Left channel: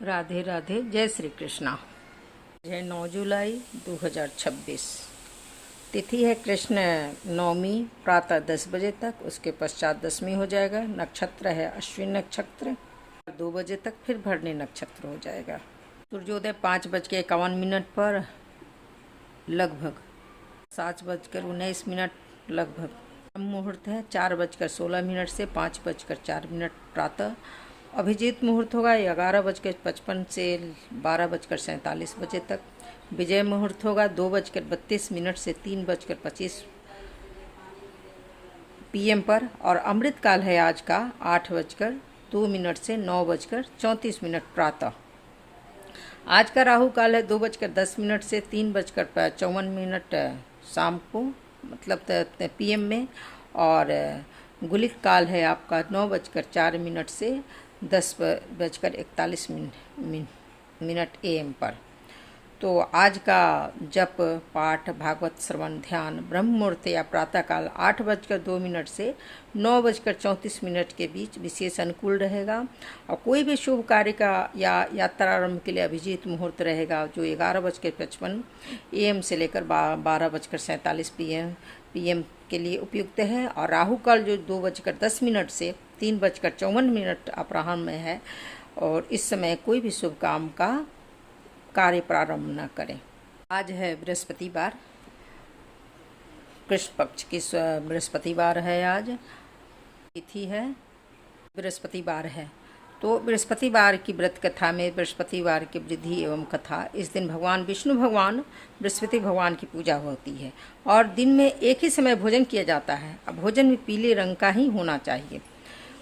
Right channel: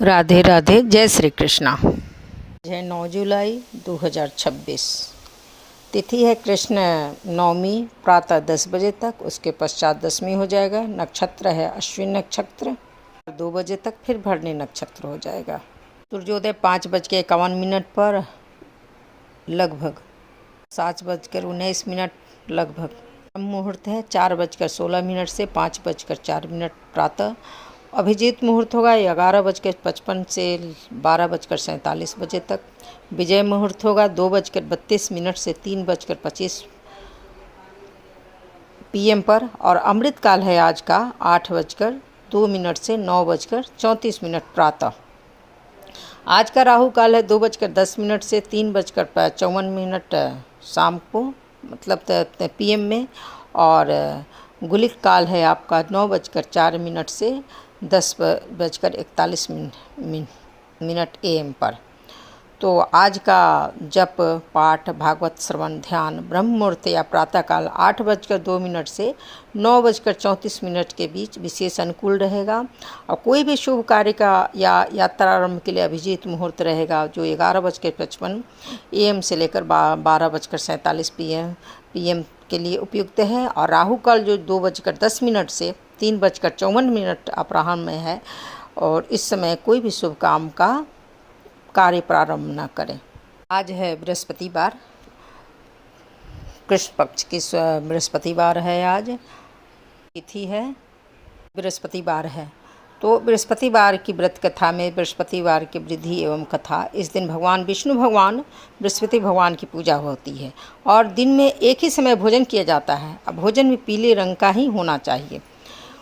राधे राधे, जय श्री कृष्णा। है 9 जुलाई 2026। तिथि है कृष्ण नवमी, प्रातः 10 बजे तक। उसके पश्चात दशमी हो जाएगा। नक्षत्र है अश्विन नक्षत्र। 2 बजे तक फिर भरणी नक्षत्र हो जाएगा। सूर्योदय 5:51 पर लगभग 7:19 लगभग। मुहूर्त है 4:16 से 5:04 प्रातः। अभिजीत मुहूर्त होगा 11:55 से 12:47 बजे तक। विजय मुहूर्त होगा 2:32 से 3:25 PM पर। और अमृत काल है आज का 8:02 से 9:34 प्रातः। आज का राहु काल है 2:10 से 3:54 शाम को, मतलब PM में। और गुलिक काल है आपका 9:04 से 10:41 AM पर। तो आज का जप पाठ, भागवत श्रवण, ध्यान ब्रह्म मुहूर्त या प्रातःकाल 8:02 से 9:34 के बीच विशेष अनुकूल रहेगा। और कोई भी शुभ कार्य का या यात्रा आरंभ के लिए अभिजीत मुहूर्त रहेगा, जो 11:55 AM से लेकर 12:47 PM के लिए उपयुक्त है। और राहु काल जो 2:10 से 3:54 अपराह्न में है। और इस समय कोई भी शुभ काम का कार्य प्रारंभ न करें। आज है बृहस्पतिवार, कृष्ण पक्ष की बृहस्पतिवार है। आज तिथि है बृहस्पतिवार है। तो बृहस्पतिवार की व्रत कथा में बृहस्पतिवार की वृद्धि एवं कथा, इस दिन भगवान विष्णु भगवान बृहस्पति भगवान की पूजा होती है। और दिन में एक ही समय भोजन किया जाता है। अब भोजन भी पीले रंग का ही होना चाहिए।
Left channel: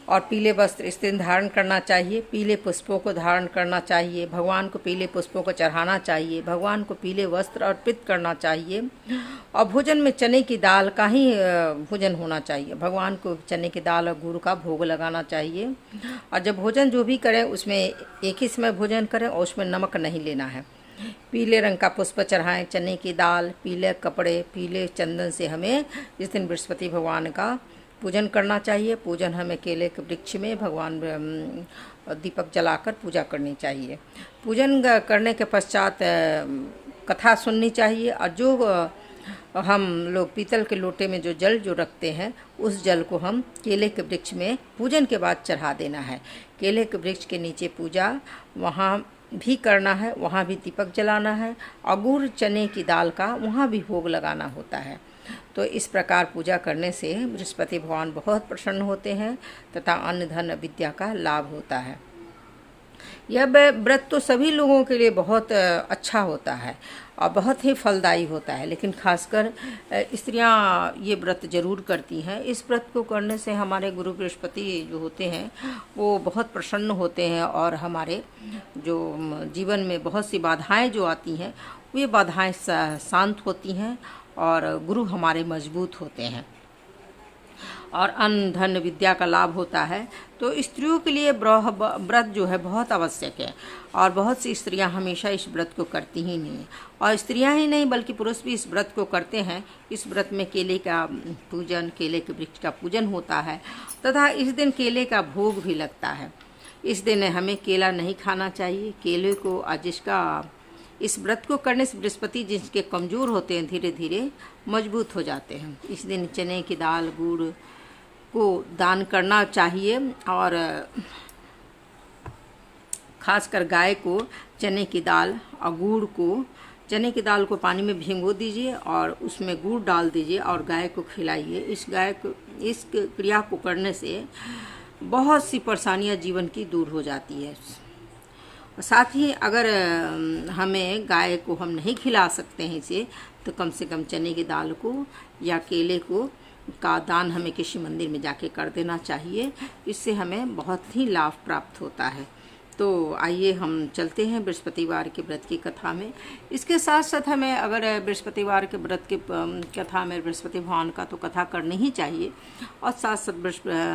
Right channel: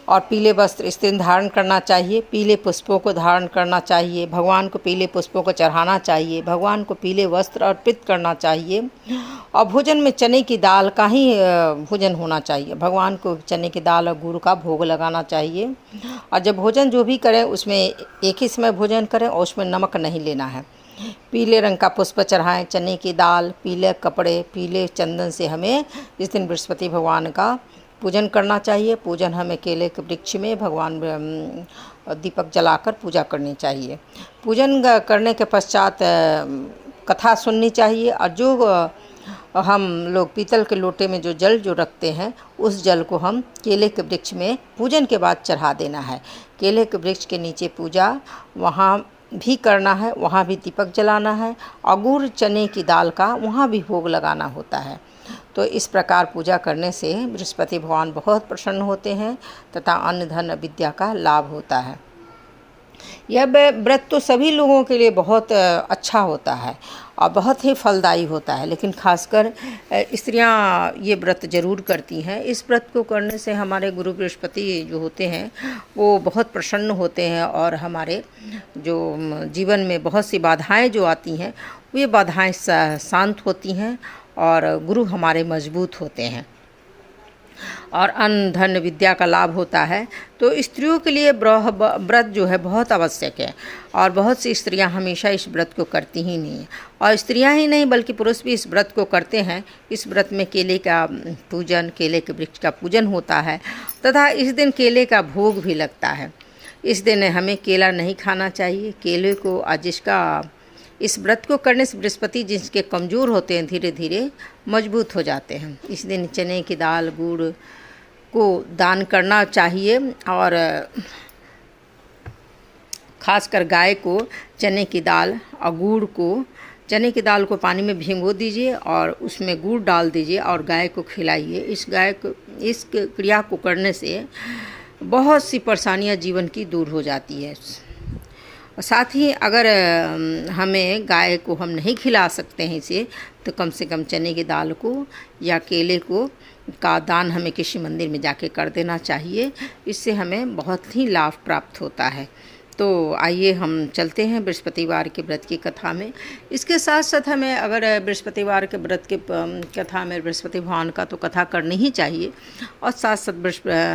और पीले वस्त्र इस दिन धारण करना चाहिए। पीले पुष्पों को धारण करना चाहिए। भगवान को पीले पुष्पों को चढ़ाना चाहिए। भगवान को पीले वस्त्र अर्पित करना चाहिए। और भोजन में चने की दाल का ही भोजन होना चाहिए। भगवान को चने की दाल और गुड़ का भोग लगाना चाहिए। और जब भोजन जो भी करें उसमें एक ही समय भोजन करें और उसमें नमक नहीं लेना है। पीले रंग का पुष्प चढ़ाएं, चने की दाल, पीले कपड़े, पीले चंदन से हमें इस दिन बृहस्पति भगवान का पूजन करना चाहिए। पूजन हमें केले के वृक्ष में भगवान दीपक जलाकर पूजा करनी चाहिए। पूजन करने के पश्चात कथा सुननी चाहिए। और जो हम लोग पीतल के लोटे में जो जल जो रखते हैं, उस जल को हम केले के वृक्ष में पूजन के बाद चढ़ा देना है। केले के वृक्ष के नीचे पूजा वहाँ भी करना है, वहाँ भी दीपक जलाना है। और गुड़ चने की दाल का वहाँ भी भोग लगाना होता है। तो इस प्रकार पूजा करने से बृहस्पति भगवान बहुत प्रसन्न होते हैं तथा अन्न धन विद्या का लाभ होता है। यह व्रत तो सभी लोगों के लिए बहुत अच्छा होता है और बहुत ही फलदायी होता है, लेकिन खासकर स्त्रियां ये व्रत जरूर करती हैं। इस व्रत को करने से हमारे गुरु बृहस्पति जो होते हैं वो बहुत प्रसन्न होते हैं। और हमारे जो जीवन में बहुत सी बाधाएं जो आती हैं, वे बाधाएं शांत होती हैं और गुरु हमारे मजबूत होते हैं। और अन्न धन विद्या का लाभ होता है। तो स्त्रियों के लिए व्रत जो है बहुत आवश्यक है। और बहुत सी स्त्रियां हमेशा इस व्रत को करती ही नहीं हैं। और स्त्रियां ही नहीं बल्कि पुरुष भी इस व्रत को करते हैं। इस व्रत में केले का पूजन, केले के वृक्ष का पूजन होता है तथा इस दिन केले का भोग भी लगता है। इस दिन हमें केला नहीं खाना चाहिए। केले को जिसका इस व्रत को करने से बृहस्पति जिसके कमज़ोर होते हैं धीरे धीरे मजबूत हो जाते हैं। इस दिन चने की दाल गुड़ को दान करना चाहिए। और खासकर गाय को चने की दाल और गुड़ को, चने की दाल को पानी में भिगो दीजिए और उसमें गुड़ डाल दीजिए और गाय को खिलाइए। इस क्रिया को करने से बहुत सी परेशानियां जीवन की दूर हो जाती है। साथ ही अगर हमें गाय को हम नहीं खिला सकते हैं इसे, तो कम से कम चने की दाल को या केले को का दान हमें किसी मंदिर में जाके कर देना चाहिए। इससे हमें बहुत ही लाभ प्राप्त होता है। तो आइए हम चलते हैं बृहस्पतिवार के व्रत की कथा में। इसके साथ साथ हमें अगर बृहस्पतिवार के व्रत के कथा में बृहस्पति भगवान का तो कथा करनी ही चाहिए। और साथ साथ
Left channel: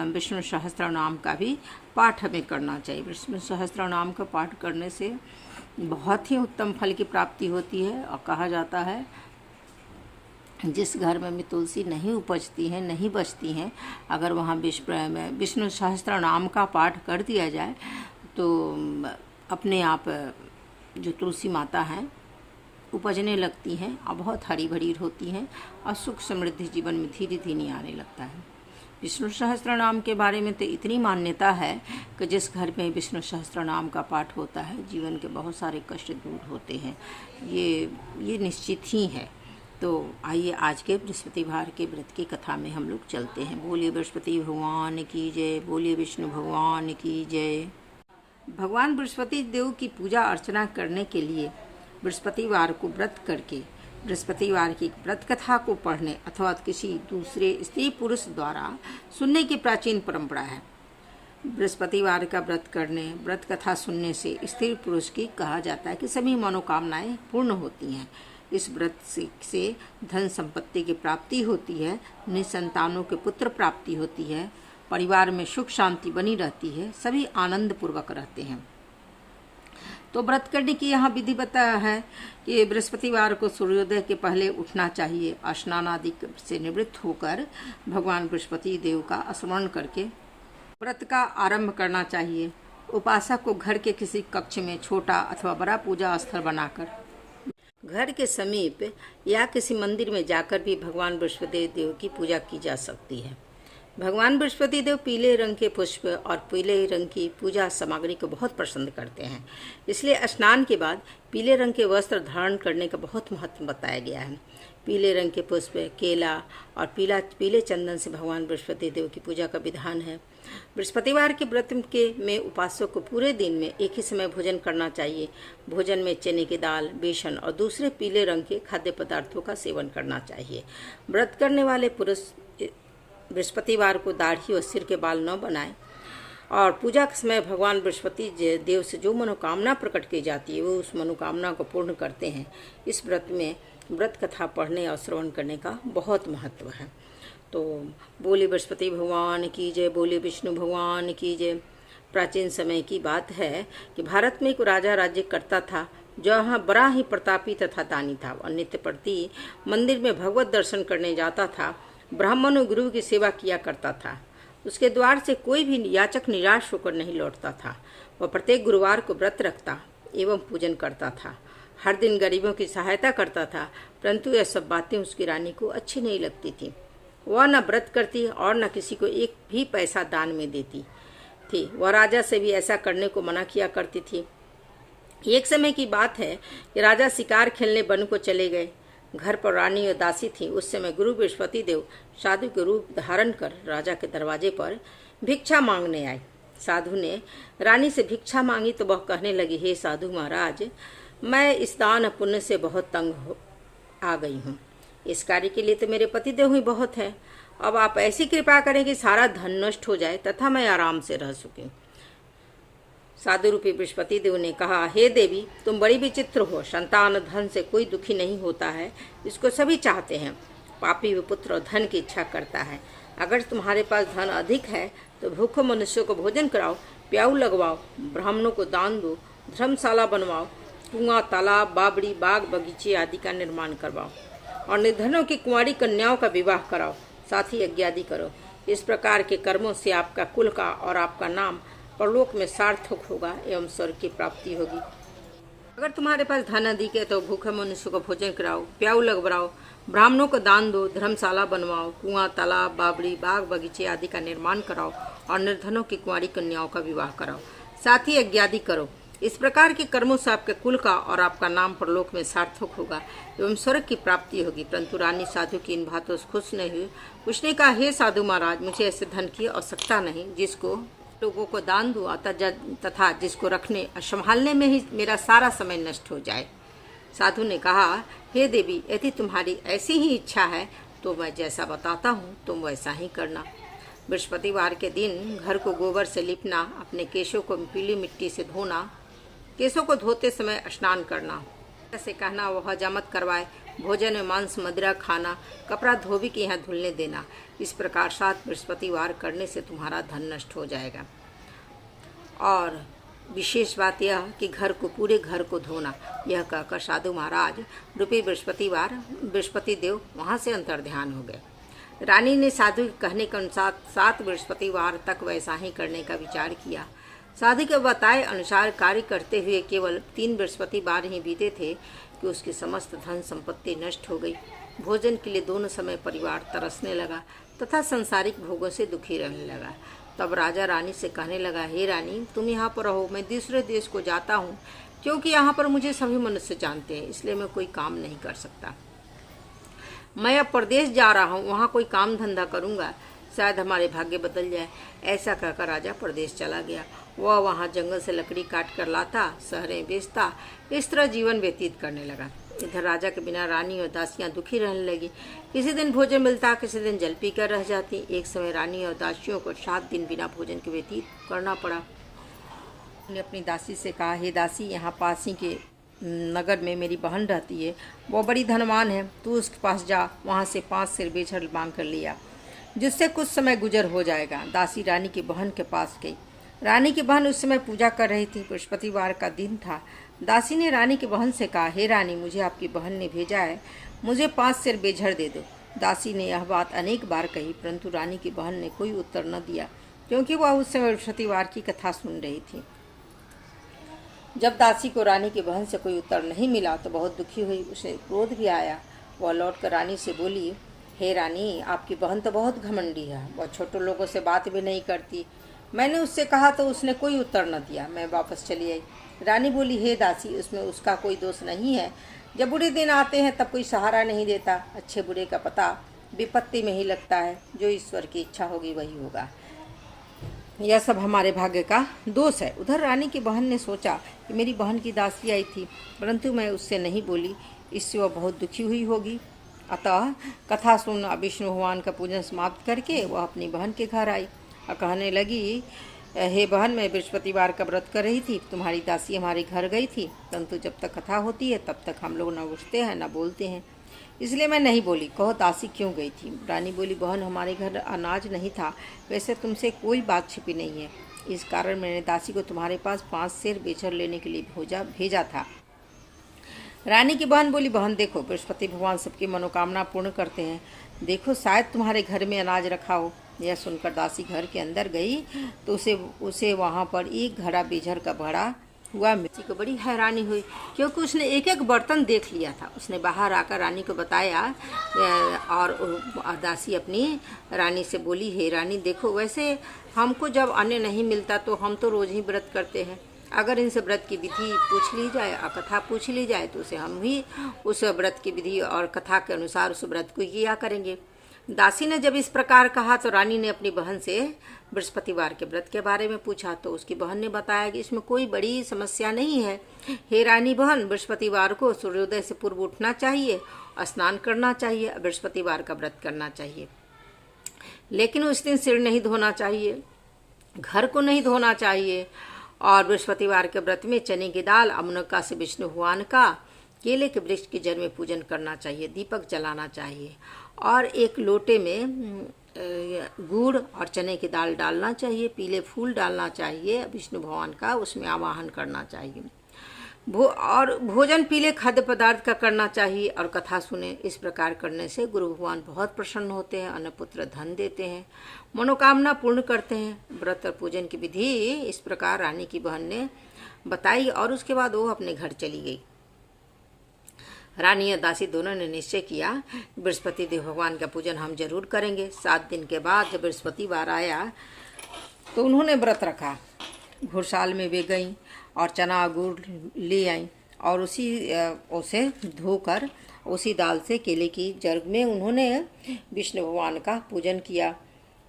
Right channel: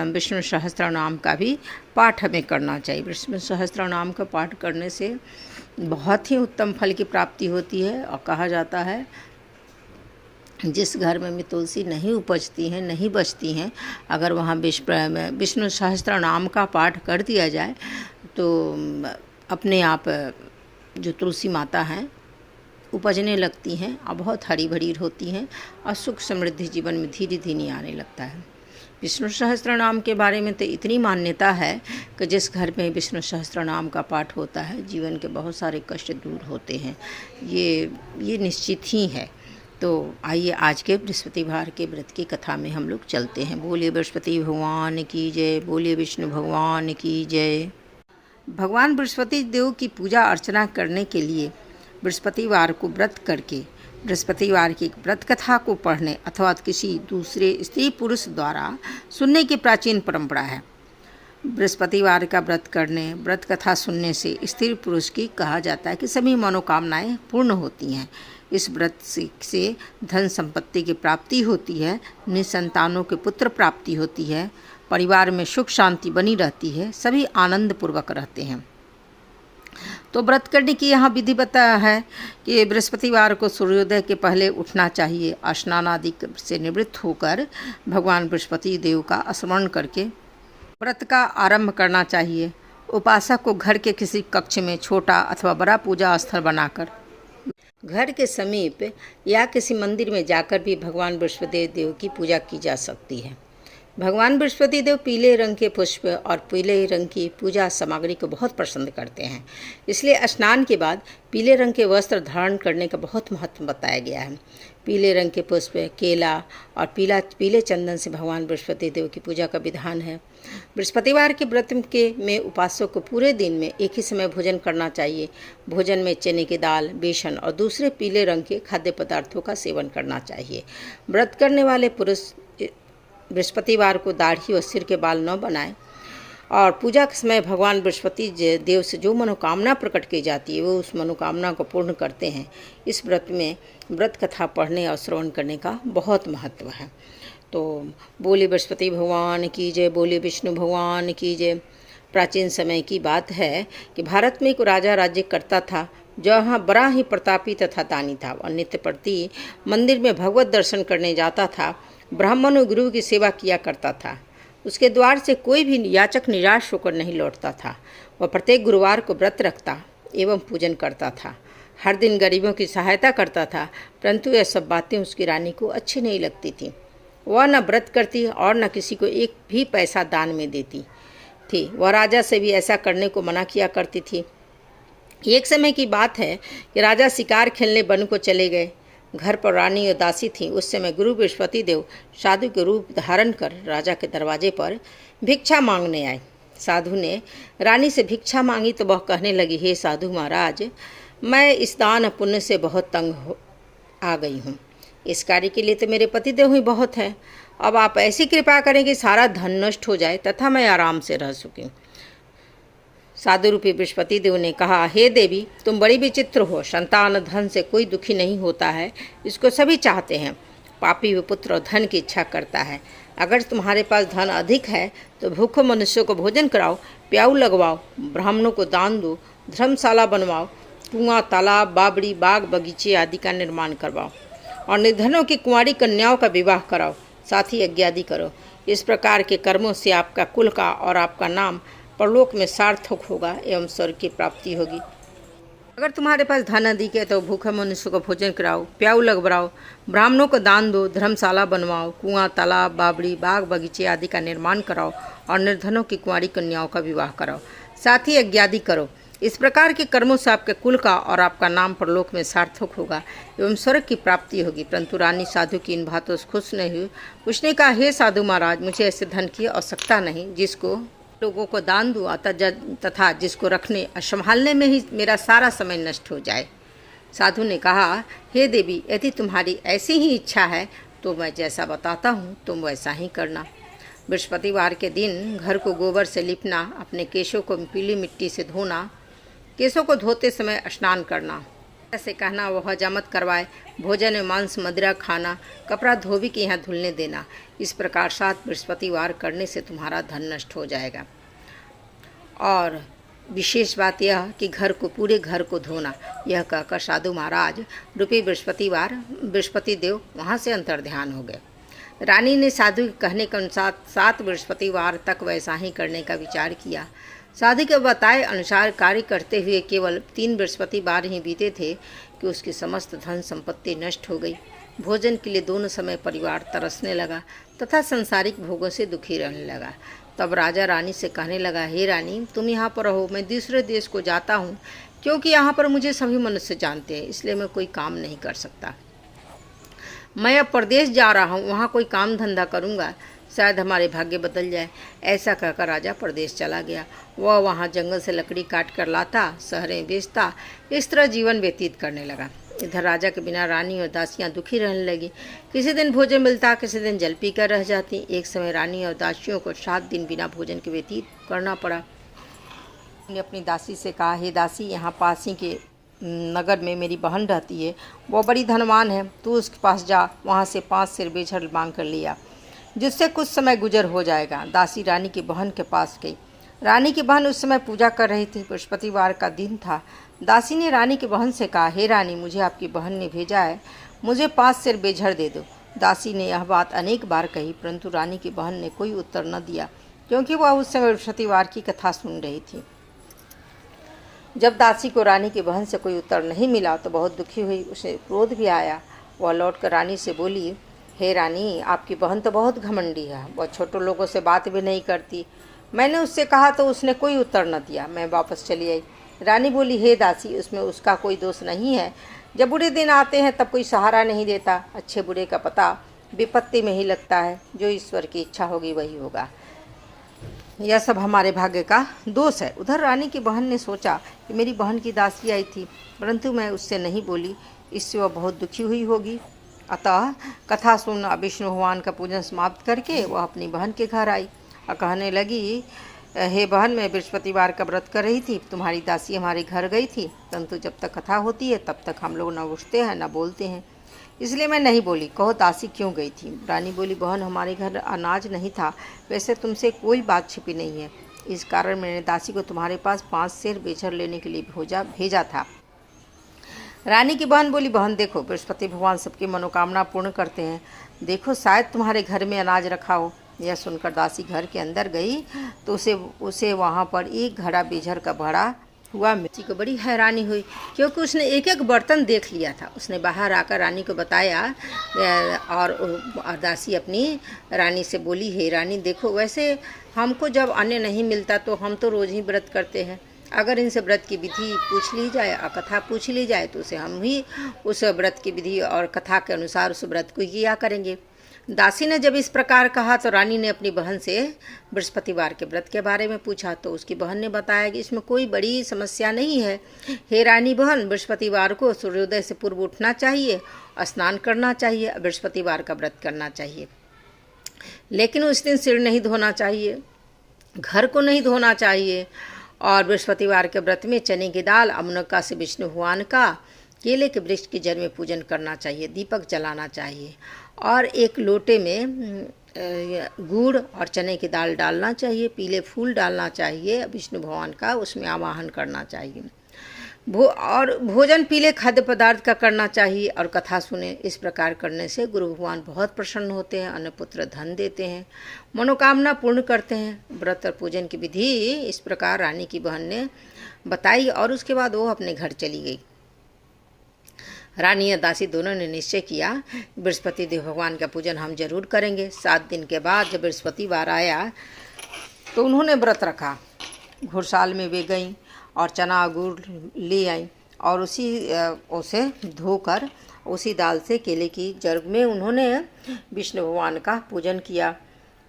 विष्णु सहस्त्र नाम का भी पाठ हमें करना चाहिए। विष्णु सहस्त्र नाम का पाठ करने से बहुत ही उत्तम फल की प्राप्ति होती है। और कहा जाता है जिस घर में तुलसी नहीं उपजती हैं, नहीं बचती हैं, अगर वहाँ विष्णु सहस्त्र नाम का पाठ कर दिया जाए तो अपने आप जो तुलसी माता हैं उपजने लगती हैं और बहुत हरी भरी होती हैं और सुख समृद्धि जीवन में धीरे धीरे आने लगता है। विष्णु सहस्त्र नाम के बारे में तो इतनी मान्यता है कि जिस घर में विष्णु सहस्त्र नाम का पाठ होता है जीवन के बहुत सारे कष्ट दूर होते हैं, ये निश्चित ही है। तो आइए आज के बृहस्पतिवार के व्रत की कथा में हम लोग चलते हैं। बोलिए बृहस्पति भगवान की जय, बोलिए विष्णु भगवान की जय। भगवान बृहस्पति देव की पूजा अर्चना करने के लिए बृहस्पतिवार को व्रत करके बृहस्पतिवार की व्रत कथा को पढ़ने अथवा किसी दूसरे स्त्री पुरुष द्वारा सुनने की प्राचीन परंपरा है। बृहस्पतिवार का व्रत करने, व्रत कथा सुनने से स्त्री पुरुष की कहा जाता है कि सभी मनोकामनाएं पूर्ण होती हैं। इस व्रत से धन संपत्ति की प्राप्ति होती है, निसंतानों के पुत्र प्राप्ति होती है, परिवार में सुख शांति बनी रहती है, सभी आनंद पूर्वक रहते हैं। तो व्रत करने की यहाँ विधि बताया है कि बृहस्पतिवार को सूर्योदय के पहले उठना चाहिए, स्नान आदि से निवृत्त होकर भगवान बृहस्पति देव का स्मरण करके व्रत का आरंभ करना चाहिए। उपासक को घर के किसी कक्ष में छोटा अथवा बड़ा पूजा स्थल बनाकर घर के समीप या किसी मंदिर में जाकर भी भगवान बृहस्पति देव की पूजा की जा सकती है। भगवान बृहस्पति देव पीले रंग के पुष्प और पीले रंग की पूजा सामग्री को बहुत पसंद करते हैं, इसलिए स्नान के बाद पीले रंग के वस्त्र धारण करने का बहुत महत्व बताया गया है। पीले रंग के पुष्प, केला और पीले चंदन से भगवान बृहस्पति देव की पूजा का विधान है। बृहस्पतिवार के व्रत में उपासक को पूरे दिन में एक ही समय भोजन करना चाहिए। भोजन में चने की दाल, बेसन और दूसरे पीले रंग के खाद्य पदार्थों का सेवन करना चाहिए। व्रत करने वाले पुरुष बृहस्पतिवार को दाढ़ी और सिर के बाल न बनाएं और पूजा के समय भगवान बृहस्पति देव से जो मनोकामना प्रकट की जाती है वो उस मनोकामना को पूर्ण करते हैं। इस व्रत में व्रत कथा पढ़ने और श्रवण करने का बहुत महत्व है। तो बोले बृहस्पति भगवान की जय, बोले विष्णु भगवान की जय। प्राचीन समय की बात है कि भारत में एक राजा राज्य करता था, जहाँ बड़ा ही प्रतापी तथा दानी था और नित्य प्रति मंदिर में भगवत दर्शन करने जाता था। ब्राह्मण और गुरु की सेवा किया करता था। उसके द्वार से कोई भी याचक निराश होकर नहीं लौटता था। वह प्रत्येक गुरुवार को व्रत रखता एवं पूजन करता था। हर दिन गरीबों की सहायता करता था, परंतु यह सब बातें उसकी रानी को अच्छी नहीं लगती थी। वह न व्रत करती और न किसी को एक भी पैसा दान में देती थी। वह राजा से भी ऐसा करने को मना किया करती थी। एक समय की बात है कि राजा शिकार खेलने वन को चले गए। घर पर रानी और दासी थी। उस समय गुरु बृहस्पति देव साधु के रूप धारण कर राजा के दरवाजे पर भिक्षा मांगने आए। साधु ने रानी से भिक्षा मांगी तो वह कहने लगी, हे साधु महाराज, मैं इस दान पुण्य से बहुत तंग आ गई हूँ। इस कार्य के लिए तो मेरे पतिदेव ही बहुत है। अब आप ऐसी कृपा करें कि सारा धन नष्ट हो जाए तथा मैं आराम से रह सकूं। साधु रूपी बृहस्पति देव ने कहा, हे देवी, तुम बड़ी विचित्र हो। संतान धन से कोई दुखी नहीं होता है, इसको सभी चाहते हैं। पापी व पुत्र धन की इच्छा करता है। अगर तुम्हारे पास धन अधिक है तो भूखे मनुष्यों को भोजन कराओ, प्याऊ लगवाओ, ब्राह्मणों को दान दो, धर्मशाला बनवाओ, कुआं, तालाब, बावड़ी, बाग, बगीचे आदि का निर्माण करवाओ और निर्धनों की कुंवारी कन्याओं का विवाह कराओ, साथ ही यज्ञ आदि करो। इस प्रकार के कर्मों से आपका कुल का और आपका नाम परलोक में सार्थक होगा एवं स्वर्ग की प्राप्ति होगी। अगर तुम्हारे पास धन अधिक है तो भूखे मनुष्य को भोजन कराओ, प्याऊ लगवाओ, ब्राह्मणों को दान दो, धर्मशाला बनवाओ, कुआं, तालाब, बावड़ी, बाग, बगीचे आदि का निर्माण कराओ और निर्धनों की कुंवारी कन्याओं का विवाह कराओ, साथ ही यज्ञ आदि करो। इस प्रकार के कर्मों से आपके कुल का और आपका नाम परलोक में सार्थक होगा एवं स्वर्ग की प्राप्ति होगी। परंतु रानी साधु की इन बातों से खुश नहीं हुई। उसने कहा, हे साधु महाराज, मुझे ऐसे धन की आवश्यकता नहीं जिसको लोगों को दान दूँ तथा जिसको रखने और संभालने में ही मेरा सारा समय नष्ट हो जाए। साधु ने कहा, हे देवी, यदि तुम्हारी ऐसी ही इच्छा है तो मैं जैसा बताता हूँ तुम वैसा ही करना। बृहस्पतिवार के दिन घर को गोबर से लिपना, अपने केशों को पीली मिट्टी से धोना, केशों को धोते समय स्नान करना, ऐसे कहना वह हजामत करवाए, भोजन में मांस मदिरा खाना, कपड़ा धोबी के यहाँ धुलने देना। इस प्रकार 7 बृहस्पतिवार करने से तुम्हारा धन नष्ट हो जाएगा। और विशेष बात यह कि पूरे घर को धोना। यह कहकर साधु महाराज रूपी बृहस्पति देव वहाँ से अंतर्ध्यान हो गए। रानी ने साधु के कहने के अनुसार 7 बृहस्पतिवार तक वैसा ही करने का विचार किया। साधु के बताए अनुसार कार्य करते हुए केवल 3 बृहस्पतिवार ही बीते थे कि उसकी समस्त धन संपत्ति नष्ट हो गई। भोजन के लिए दोनों समय परिवार तरसने लगा तथा सांसारिक भोगों से दुखी रहने लगा। तब राजा रानी से कहने लगा, हे रानी, तुम यहाँ पर रहो, मैं दूसरे देश को जाता हूँ, क्योंकि यहाँ पर मुझे सभी मनुष्य जानते हैं, इसलिए मैं कोई काम नहीं कर सकता। मैं अब परदेश जा रहा हूँ, वहाँ कोई काम धंधा करूँगा, शायद हमारे भाग्य बदल जाए। ऐसा कहकर राजा परदेश चला गया। वह वहाँ जंगल से लकड़ी काट कर लाता, शहरें बेचता, इस तरह जीवन व्यतीत करने लगा। इधर राजा के बिना रानी और दासियां दुखी रहने लगी। किसी दिन भोजन मिलता, किसी दिन जल पीकर रह जाती। एक समय रानी और दासियों को 7 दिन बिना भोजन के व्यतीत करना पड़ा। ने अपनी दासी से कहा, हे दासी, यहाँ पास ही के नगर में मेरी बहन रहती है, वो बड़ी धनवान है, तू उसके पास जा, वहाँ से 5 सिर बेछड़ मांग कर लिया, जिससे कुछ समय गुजर हो जाएगा। दासी रानी की बहन के पास गई। रानी की बहन उस समय पूजा कर रही थी। बृहस्पतिवार का दिन था। दासी ने रानी की बहन से कहा, हे रानी, मुझे आपकी बहन ने भेजा है, मुझे 5 सिर बेझड़ दे दो। दासी ने यह बात अनेक बार कही, परंतु रानी की बहन ने कोई उत्तर न दिया, क्योंकि वह उस समय बृहस्पतिवार की कथा सुन रही थी। जब दासी को रानी की बहन से कोई उत्तर नहीं मिला तो बहुत दुखी हुई, उसे क्रोध भी आया। वह लौटकर रानी से बोली, हे रानी, आपकी बहन तो बहुत घमंडी है, वह छोटे लोगों से बात भी नहीं करती। मैंने उससे कहा तो उसने कोई उत्तर न दिया, मैं वापस चली आई। रानी बोली, हे दासी, उसमें उसका कोई दोष नहीं है। जब बुरे दिन आते हैं तब कोई सहारा नहीं देता। अच्छे बुरे का पता विपत्ति में ही लगता है। जो ईश्वर की इच्छा होगी वही होगा। यह सब हमारे भाग्य का दोष है। उधर रानी की बहन ने सोचा कि मेरी बहन की दासी आई थी, परंतु मैं उससे नहीं बोली, इससे वह बहुत दुखी हुई होगी। अतः कथा सुन विष्णु भगवान का पूजन समाप्त करके वह अपनी बहन के घर आई और कहने लगी, हे बहन, मैं बृहस्पतिवार का व्रत कर रही थी, तुम्हारी दासी हमारे घर गई थी, परंतु जब तक कथा होती है तब तक हम लोग न उठते हैं न बोलते हैं, इसलिए मैं नहीं बोली। कहो दासी क्यों गई थी? रानी बोली, बहन, हमारे घर अनाज नहीं था, वैसे तुमसे कोई बात छिपी नहीं है, इस कारण मैंने दासी को तुम्हारे पास 5 सेर बेचड़ लेने के लिए भेजा था। रानी की बहन बोली, बहन देखो, बृहस्पति भगवान सबकी मनोकामना पूर्ण करते हैं, देखो शायद तुम्हारे घर में अनाज रखा हो। यह सुनकर दासी घर के अंदर गई तो उसे वहाँ पर एक घड़ा बेझर का भरा हुआ मिर्ची को बड़ी हैरानी हुई, क्योंकि उसने एक एक बर्तन देख लिया था। उसने बाहर आकर रानी को बताया और दासी अपनी रानी से बोली, हे रानी, देखो, वैसे हमको जब अन्न नहीं मिलता तो हम तो रोज़ ही व्रत करते हैं, अगर इनसे व्रत की विधि पूछ ली जाए और कथा पूछ ली जाए तो उसे हम भी उस व्रत की विधि और कथा के अनुसार उस व्रत को किया करेंगे। दासी ने जब इस प्रकार कहा तो रानी ने अपनी बहन से बृहस्पतिवार के व्रत के बारे में पूछा, तो उसकी बहन ने बताया कि इसमें कोई बड़ी समस्या नहीं है। हे रानी बहन, बृहस्पतिवार को सूर्योदय से पूर्व उठना चाहिए, स्नान करना चाहिए, बृहस्पतिवार का व्रत करना चाहिए, लेकिन उस दिन सिर नहीं धोना चाहिए, घर को नहीं धोना चाहिए, और बृहस्पतिवार के व्रत में चने की दाल, अमनका से विष्णु भगवान का, केले के वृक्ष की जड़ में पूजन करना चाहिए, दीपक जलाना चाहिए, और एक लोटे में गुड़ और चने की दाल डालना चाहिए, पीले फूल डालना चाहिए विष्णु भगवान का, उसमें आवाहन करना चाहिए, और भोजन पीले खाद्य पदार्थ का करना चाहिए और कथा सुने। इस प्रकार करने से गुरु भगवान बहुत प्रसन्न होते हैं, अन्नपुत्र धन देते हैं, मनोकामना पूर्ण करते हैं। व्रत और पूजन की विधि इस प्रकार रानी की बहन ने बताई और उसके बाद वो अपने घर चली गई। रानी और दासी दोनों ने निश्चय किया, बृहस्पति देव भगवान का पूजन हम जरूर करेंगे। 7 दिन के बाद जब बृहस्पतिवार आया तो उन्होंने व्रत रखा। घुड़साल में वे गईं और चना गुड़ ले आईं और उसे धोकर उसी दाल से केले की जड़ में उन्होंने विष्णु भगवान का पूजन किया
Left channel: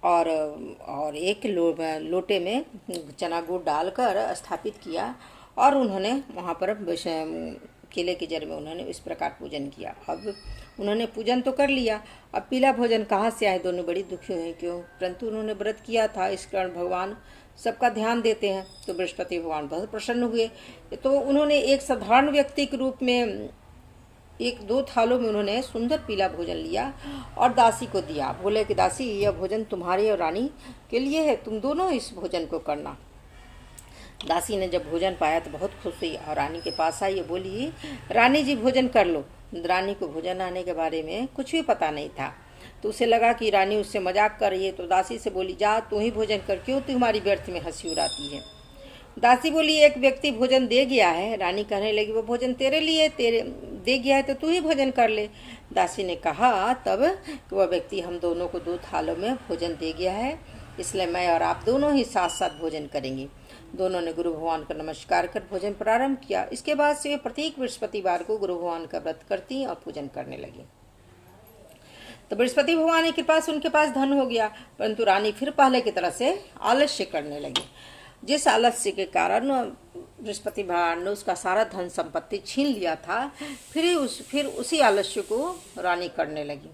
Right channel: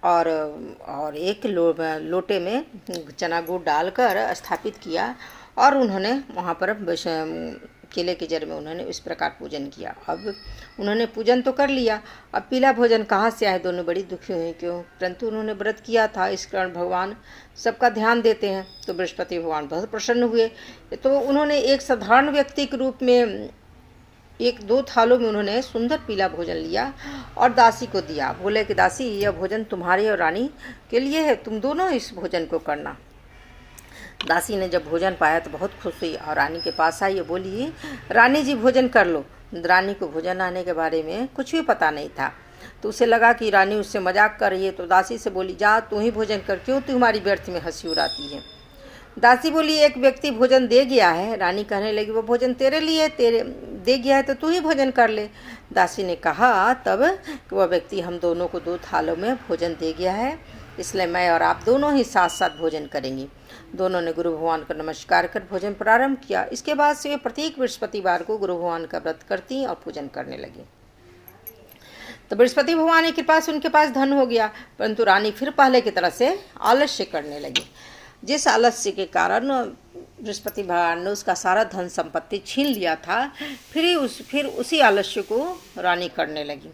और एक लोटे में चना गुड़ डालकर स्थापित किया और उन्होंने वहाँ पर केले की जड़ में उन्होंने इस प्रकार पूजन किया। अब उन्होंने पूजन तो कर लिया, अब पीला भोजन कहाँ से आए? दोनों बड़ी दुखी हुई, क्यों? परंतु उन्होंने व्रत किया था, इस कारण भगवान सबका ध्यान देते हैं। तो बृहस्पति भगवान बहुत प्रसन्न हुए। तो उन्होंने एक साधारण व्यक्ति के रूप में 1-2 थालों में उन्होंने सुंदर पीला भोजन लिया और दासी को दिया। बोले कि दासी, यह भोजन तुम्हारी और रानी के लिए है, तुम दोनों इस भोजन को करना। दासी ने जब भोजन पाया तो बहुत खुश हुई और रानी के पास आई, ये बोली, रानी जी भोजन कर लो। रानी को भोजन आने के बारे में कुछ भी पता नहीं था, तो उसे लगा कि रानी उससे मजाक कर रही है, तो दासी से बोली, जा तू ही भोजन कर, क्यों तुम्हारी व्यर्थ में हंसी उड़ाती है। दासी बोली, एक व्यक्ति भोजन दे गया है। रानी कहने लगी, वो भोजन तेरे लिए तेरे दे गया है तो तू ही भोजन कर ले। दासी ने कहा तब कि वह व्यक्ति हम दोनों को 2 थालों में भोजन दे गया है, इसलिए मैं और आप दोनों ही साथ साथ भोजन करेंगे। दोनों ने गुरु भगवान को नमस्कार कर भोजन प्रारंभ किया। इसके बाद से वे प्रत्येक बृहस्पतिवार को गुरु भगवान का व्रत करती और पूजन करने लगी। तो बृहस्पति भगवान की कृपा से उनके पास धन हो गया, परंतु रानी फिर पहले की तरह से आलस्य करने लगी। जिस आलस्य के कारण बृहस्पति भगवान ने उसका सारा धन संपत्ति छीन लिया था, फिर उसी आलस्य को रानी करने लगी।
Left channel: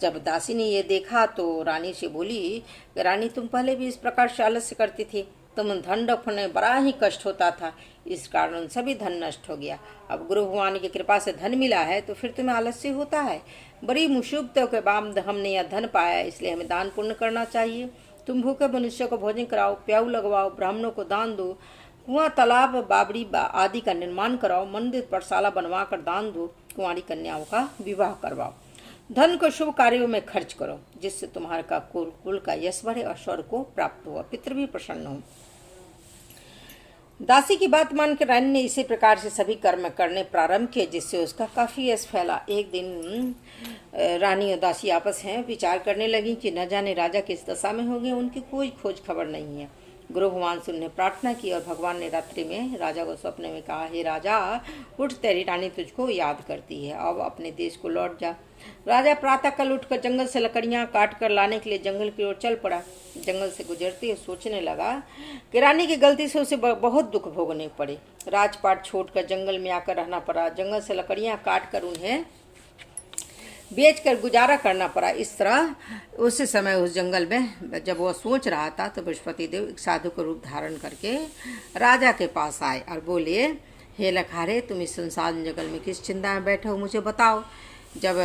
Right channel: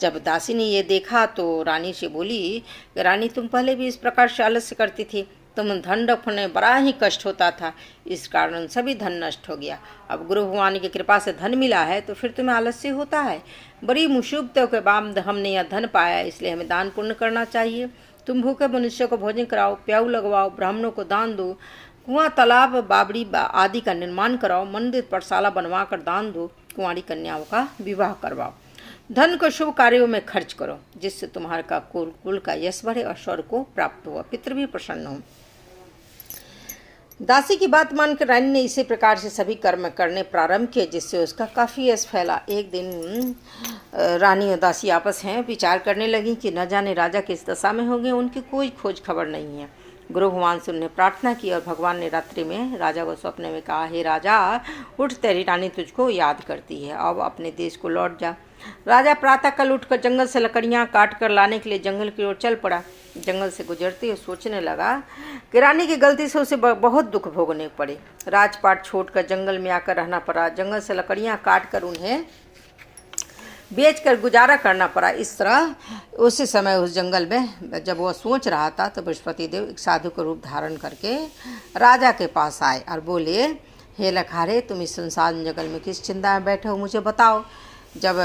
जब दासी ने ये देखा तो रानी से बोली, रानी तुम पहले भी इस प्रकार से आलस्य करती थी, तुम धन रखने बड़ा ही कष्ट होता था, इस कारण सभी धन नष्ट हो गया। अब गुरु भगवान की कृपा से धन मिला है तो फिर तुम्हें आलस्य होता है। बड़ी मुसीबतों के बाद हमने यह धन पाया, इसलिए हमें दान पुण्य करना चाहिए। तुम भूखे मनुष्य को भोजन कराओ, प्याऊ लगवाओ, ब्राह्मणों को दान दो, कुआं तालाब बावड़ी आदि का निर्माण कराओ, मंदिर पाठशाला बनवा कर दान दो, कुंवारी कन्याओं का विवाह करवाओ। धन को शुभ कार्यों में खर्च करो, जिससे तुम्हारे का कुल का यश बढ़े और स्वर्ग को प्राप्त हो, पितृ भी प्रसन्न हो। दासी की बात मानकर रानी ने इसी प्रकार से सभी कर्म करने प्रारंभ किए, जिससे उसका काफी यश फैला। एक दिन रानी और दासी आपस में विचार करने लगी कि न जाने राजा किस दशा में हो गए, उनकी कोई खोज खबर नहीं है। गुरु भगवान से उन्हें प्रार्थना की और भगवान ने रात्रि में राजा को सपने में कहा, हे राजा, उठ, तेरी रानी तुझको याद करती है, अब अपने देश को लौट जा। राजा प्रातःकाल उठकर जंगल से लकड़ियां काट कर लाने के लिए जंगल की ओर चल पड़ा। जंगल से गुजरते हुए सोचने लगा कि रानी की गलती से उसे बहुत दुख भोगने पड़े। राजपाट छोड़कर जंगल में आकर रहना पड़ा, जंगल से लकड़ियां काट कर उन्हें बेचकर गुजारा करना पड़ा। इस तरह उस समय उस जंगल में जब वह सोच रहा था तो बृहस्पति देव एक साधु का रूप धारण करके राजा के पास आए और बोले, हे लखारे, तुम इस संसार जंगल में किस चिंता में बैठे हो, मुझे बताओ। जब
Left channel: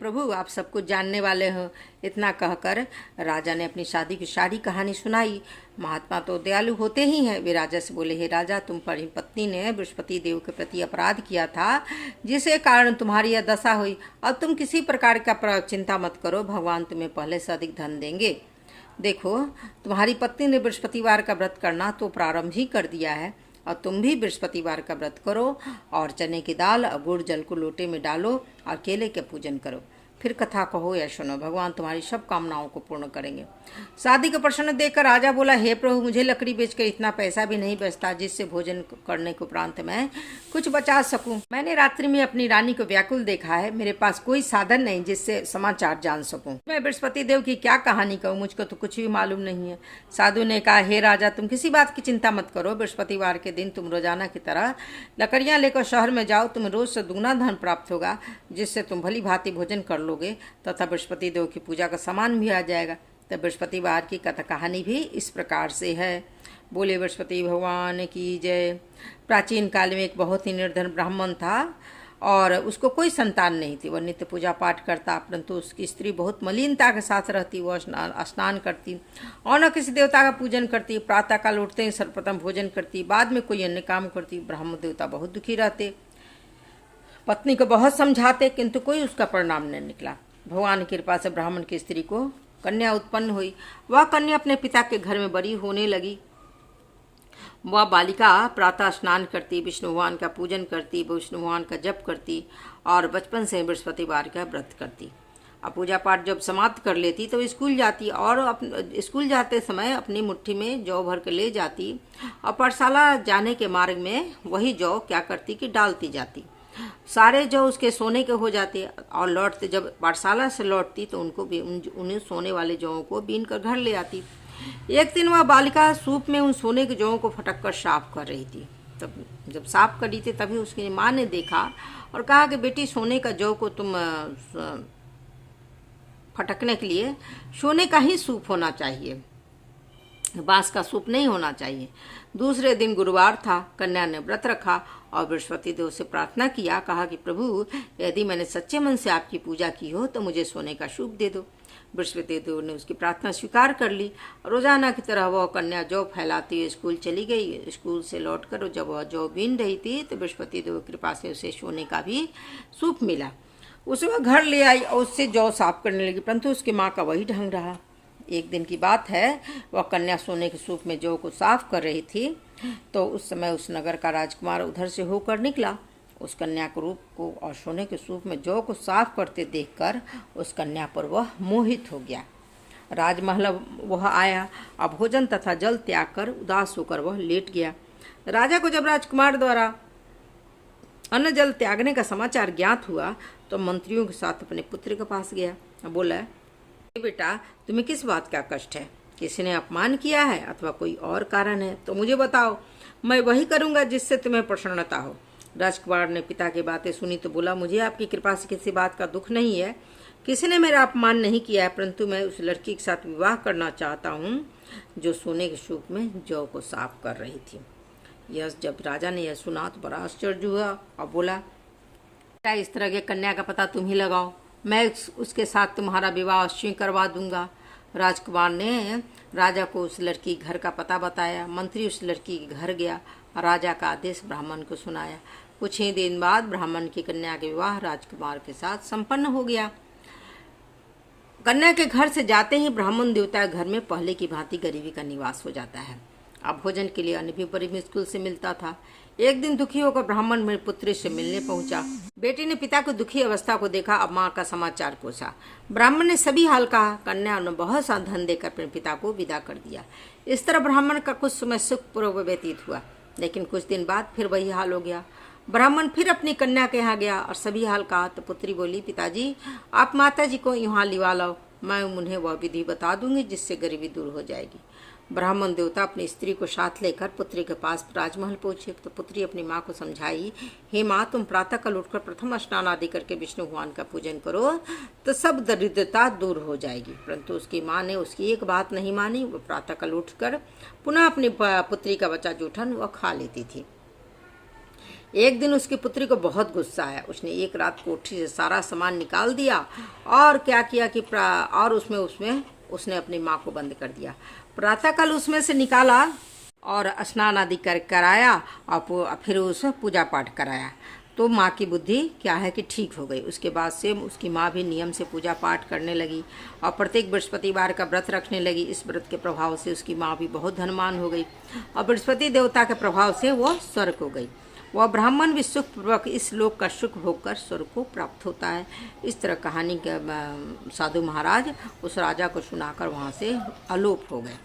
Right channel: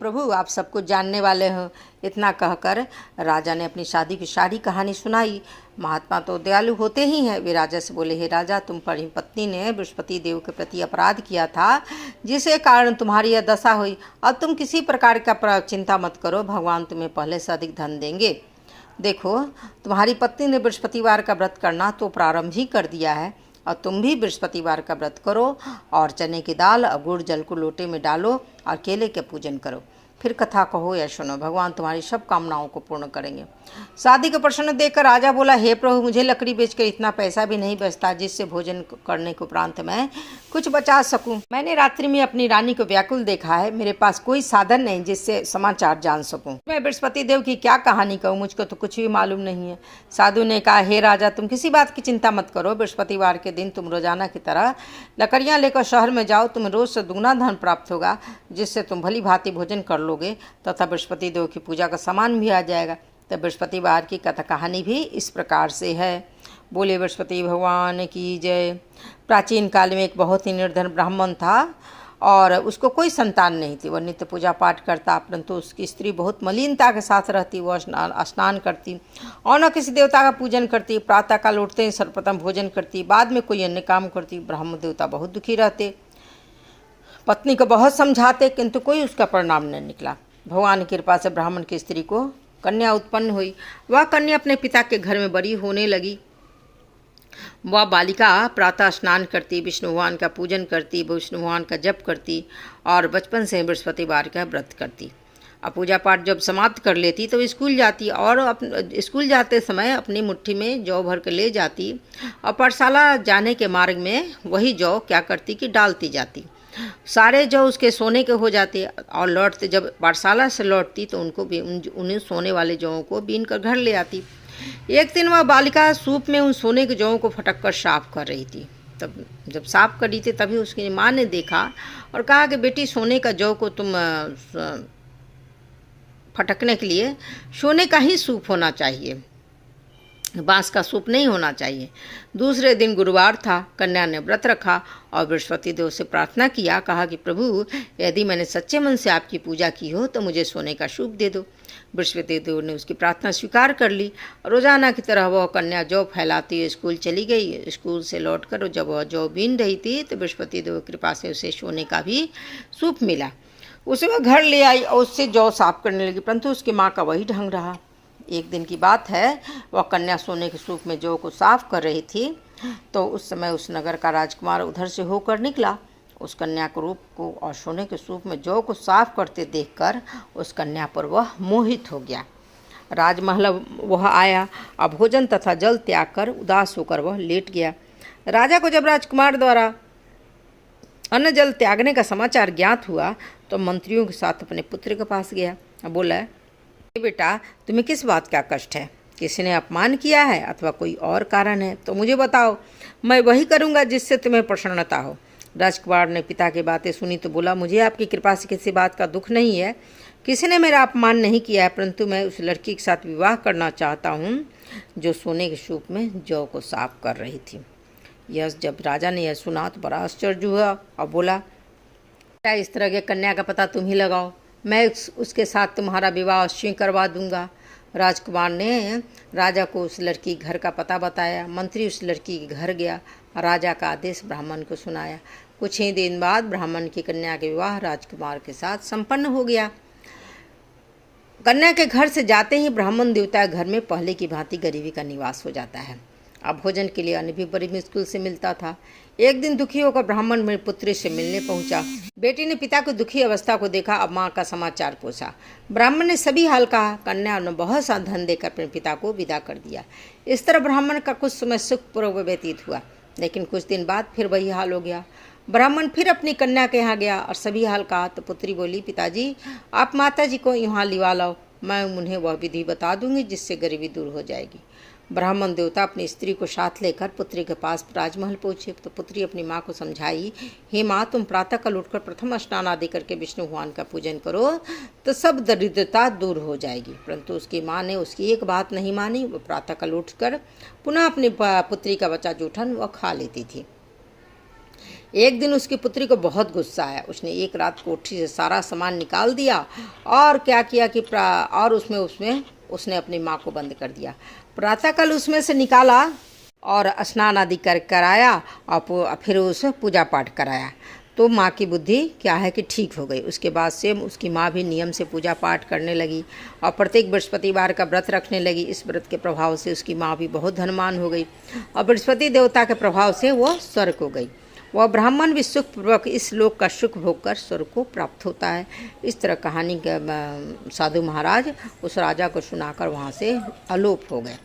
प्रभु आप सब कुछ जानने वाले हो, इतना कहकर राजा ने अपनी शादी की सारी कहानी सुनाई। महात्मा तो दयालु होते ही हैं। वे राजा से बोले, हे राजा, तुम पर पत्नी ने बृहस्पति देव के प्रति अपराध किया था, जिसके कारण तुम्हारी यह दशा हुई। अब तुम किसी प्रकार का चिंता मत करो, भगवान तुम्हें पहले से अधिक धन देंगे। देखो, तुम्हारी पत्नी ने बृहस्पतिवार का व्रत करना तो प्रारंभ ही कर दिया है, और तुम भी बृहस्पतिवार का व्रत करो और चने की दाल और गुड़ जल को लोटे में डालो और केले के पूजन करो, फिर कथा कहो या सुनो, भगवान तुम्हारी सब कामनाओं को पूर्ण करेंगे। शादी का प्रश्न देखकर राजा बोला, हे प्रभु, मुझे लकड़ी बेचकर इतना पैसा भी नहीं बचता जिससे भोजन करने के उपरांत मैं कुछ बचा सकूं। मैंने रात्रि में अपनी रानी को व्याकुल देखा है, मेरे पास कोई साधन नहीं जिससे समाचार जान सकूं। मैं बृहस्पति देव की क्या कहानी कहूँ, मुझको तो कुछ भी मालूम नहीं है। साधु ने कहा, हे राजा, तुम किसी बात की चिंता मत करो, बृहस्पतिवार के दिन तुम रोजाना की तरह लकड़ियाँ लेकर शहर में जाओ, तुम्हें रोज से दुगना धन प्राप्त होगा, जिससे तुम भली भांति भोजन कर लोगे तथा बृहस्पति देव की पूजा का सामान भी आ जाएगा। तो बृहस्पतिवार की कथा कहानी भी इस प्रकार से है। बोले बृहस्पति भगवान की जय। प्राचीन काल में एक बहुत ही निर्धन ब्राह्मण था और उसको कोई संतान नहीं थी। वह नित्य पूजा पाठ करता, परंतु उसकी स्त्री बहुत मलिनता के साथ रहती। वह स्नान करती और न किसी देवता का पूजन करती। प्रातःकाल उठते ही सर्वप्रथम भोजन करती, बाद में कोई अन्य काम करती। ब्राह्मण देवता बहुत दुखी रहते, पत्नी को बहुत समझाते, किंतु कोई उसका परिणाम नहीं निकला। भगवान की कृपा से ब्राह्मण की स्त्री को कन्या उत्पन्न हुई। वह कन्या अपने पिता के घर में बड़ी होने लगी। वह बालिका प्रातः स्नान करती, विष्णु भगवान का पूजन करती, विष्णु भगवान का जप करती और बचपन से बृहस्पतिवार का व्रत करती। अब पूजा पाठ जब समाप्त कर लेती तो स्कूल जाती और स्कूल जाते समय अपनी मुट्ठी में जौ भर के ले जाती और पाठशाला जाने के मार्ग में वही जौ क्या करती कि डालती जाती। सारे जौ उसके सोने के हो जाते और लौटते जब पाठशाला से लौटती तो उन्हें सोने वाले जौं को बीन कर घर ले आती। एक दिन वह बालिका सूप में उन सोने के जौं को फटक कर साफ कर रही थी। तब जब साफ कर रही थी तभी उसकी माँ ने देखा और कहा कि बेटी, सोने का जौ को तुम फटकने के लिए सोने का ही सूप होना चाहिए, बांस का सूप नहीं होना चाहिए। दूसरे दिन गुरुवार था। कन्या ने व्रत रखा और बृहस्पति देव से प्रार्थना किया। कहा कि प्रभु, यदि मैंने सच्चे मन से आपकी पूजा की हो तो मुझे सोने का सूप दे दो। बृहस्पति देव ने उसकी प्रार्थना स्वीकार कर ली। रोजाना की तरह वह कन्या जौ फैलाती हुई स्कूल चली गई। स्कूल से लौटकर जब वह जौ बीन रही थी तो बृहस्पति देव की कृपा से उसे सोने का भी सूप मिला। उसे वह घर ले आई और उससे जौ साफ करने लगी, परंतु उसकी माँ का वही ढंग रहा। एक दिन की बात है, वह कन्या सोने के सूप में जौ को साफ कर रही थी, तो उस समय उस नगर का राजकुमार उधर से होकर निकला। उस कन्या के रूप को और सोने के सूप में जौ को साफ करते देखकर उस कन्या पर वह मोहित हो गया। राजमहल वह आया और भोजन तथा जल त्याग कर उदास होकर वह लेट गया। राजा को जब राजकुमार द्वारा अन्न जल त्यागने का समाचार ज्ञात हुआ तो मंत्रियों के साथ अपने पुत्र के पास गया और बोला, बेटा, तुम्हें किस बात का कष्ट है? किसी ने अपमान किया है अथवा कोई और कारण है तो मुझे बताओ, मैं वही करूँगा जिससे तुम्हें प्रसन्नता हो। राजकुमार ने पिता की बातें सुनी तो बोला, मुझे आपकी कृपा से किसी बात का दुख नहीं है। किसी ने मेरा अपमान नहीं किया है, परंतु मैं उस लड़की के साथ विवाह करना चाहता हूँ जो सोने के सूप में जौ को साफ कर रही थी। जब राजा ने यह सुना तो बड़ा आश्चर्य हुआ और बोला, क्या इस तरह के कन्या का पता तुम ही लगाओ, मैं उसके साथ तुम्हारा विवाह अवश्य करवा दूंगा। राजकुमार ने राजा को उस लड़की घर का पता बताया। मंत्री उस लड़की के घर गया, राजा का आदेश ब्राह्मण को सुनाया। कुछ ही दिन बाद ब्राह्मण की कन्या का विवाह राजकुमार के साथ संपन्न हो गया। कन्या के घर से जाते ही ब्राह्मण देवता घर में पहले की भांति गरीबी का निवास हो जाता है। अब भोजन के लिए अन्न भी बड़ी मुश्किल से मिलता था। एक दिन दुखी होकर ब्राह्मण मेरी पुत्री से मिलने पहुंचा। बेटी ने पिता की दुखी अवस्था को देखा, अब माँ का समाचार पूछा। ब्राह्मण ने सभी हाल कहा। कन्या ने बहुत सा धन देकर अपने पिता को विदा कर दिया। इस तरह ब्राह्मण का कुछ समय सुखपूर्वक व्यतीत हुआ, लेकिन कुछ दिन बाद फिर वही हाल हो गया। ब्राह्मण फिर अपनी कन्या के यहाँ गया और सभी हाल कहा तो पुत्री बोली, पिताजी, आप माता जी को यहाँ लिवा लाओ, मैं उन्हें वह विधि बता दूंगी जिससे गरीबी दूर हो जाएगी। ब्राह्मण देवता अपनी स्त्री को साथ लेकर पुत्री के पास राजमहल पहुंचे तो पुत्री अपनी माँ को समझाई, हे माँ, तुम प्रातःकाल उठकर प्रथम स्नान आदि करके विष्णु भगवान का पूजन करो तो सब दरिद्रता दूर हो जाएगी। परंतु उसकी माँ ने उसकी एक बात नहीं मानी। वो प्रातःकाल उठकर पुनः अपनी पुत्री का बचा जूठन वह खा लेती थी। एक दिन उसकी पुत्री को बहुत गुस्सा आया। उसने एक रात कोठरी से सारा सामान निकाल दिया और क्या किया कि उसने अपनी माँ को बंद कर दिया। प्रातःकाल उसमें से निकाला और स्नान आदि कराया और फिर उसे पूजा पाठ कराया तो माँ की बुद्धि क्या है कि ठीक हो गई। उसके बाद से उसकी माँ भी नियम से पूजा पाठ करने लगी और प्रत्येक बृहस्पतिवार का व्रत रखने लगी। इस व्रत के प्रभाव से उसकी माँ भी बहुत धनवान हो गई और बृहस्पति देवता के प्रभाव से वह स्वर्ग हो गई। वह ब्राह्मण भी सुखपूर्वक इस लोक का सुख भोगकर स्वर्ग को प्राप्त होता है। इस तरह कहानी के साधु महाराज उस राजा को सुनाकर वहाँ से अलोप हो गए।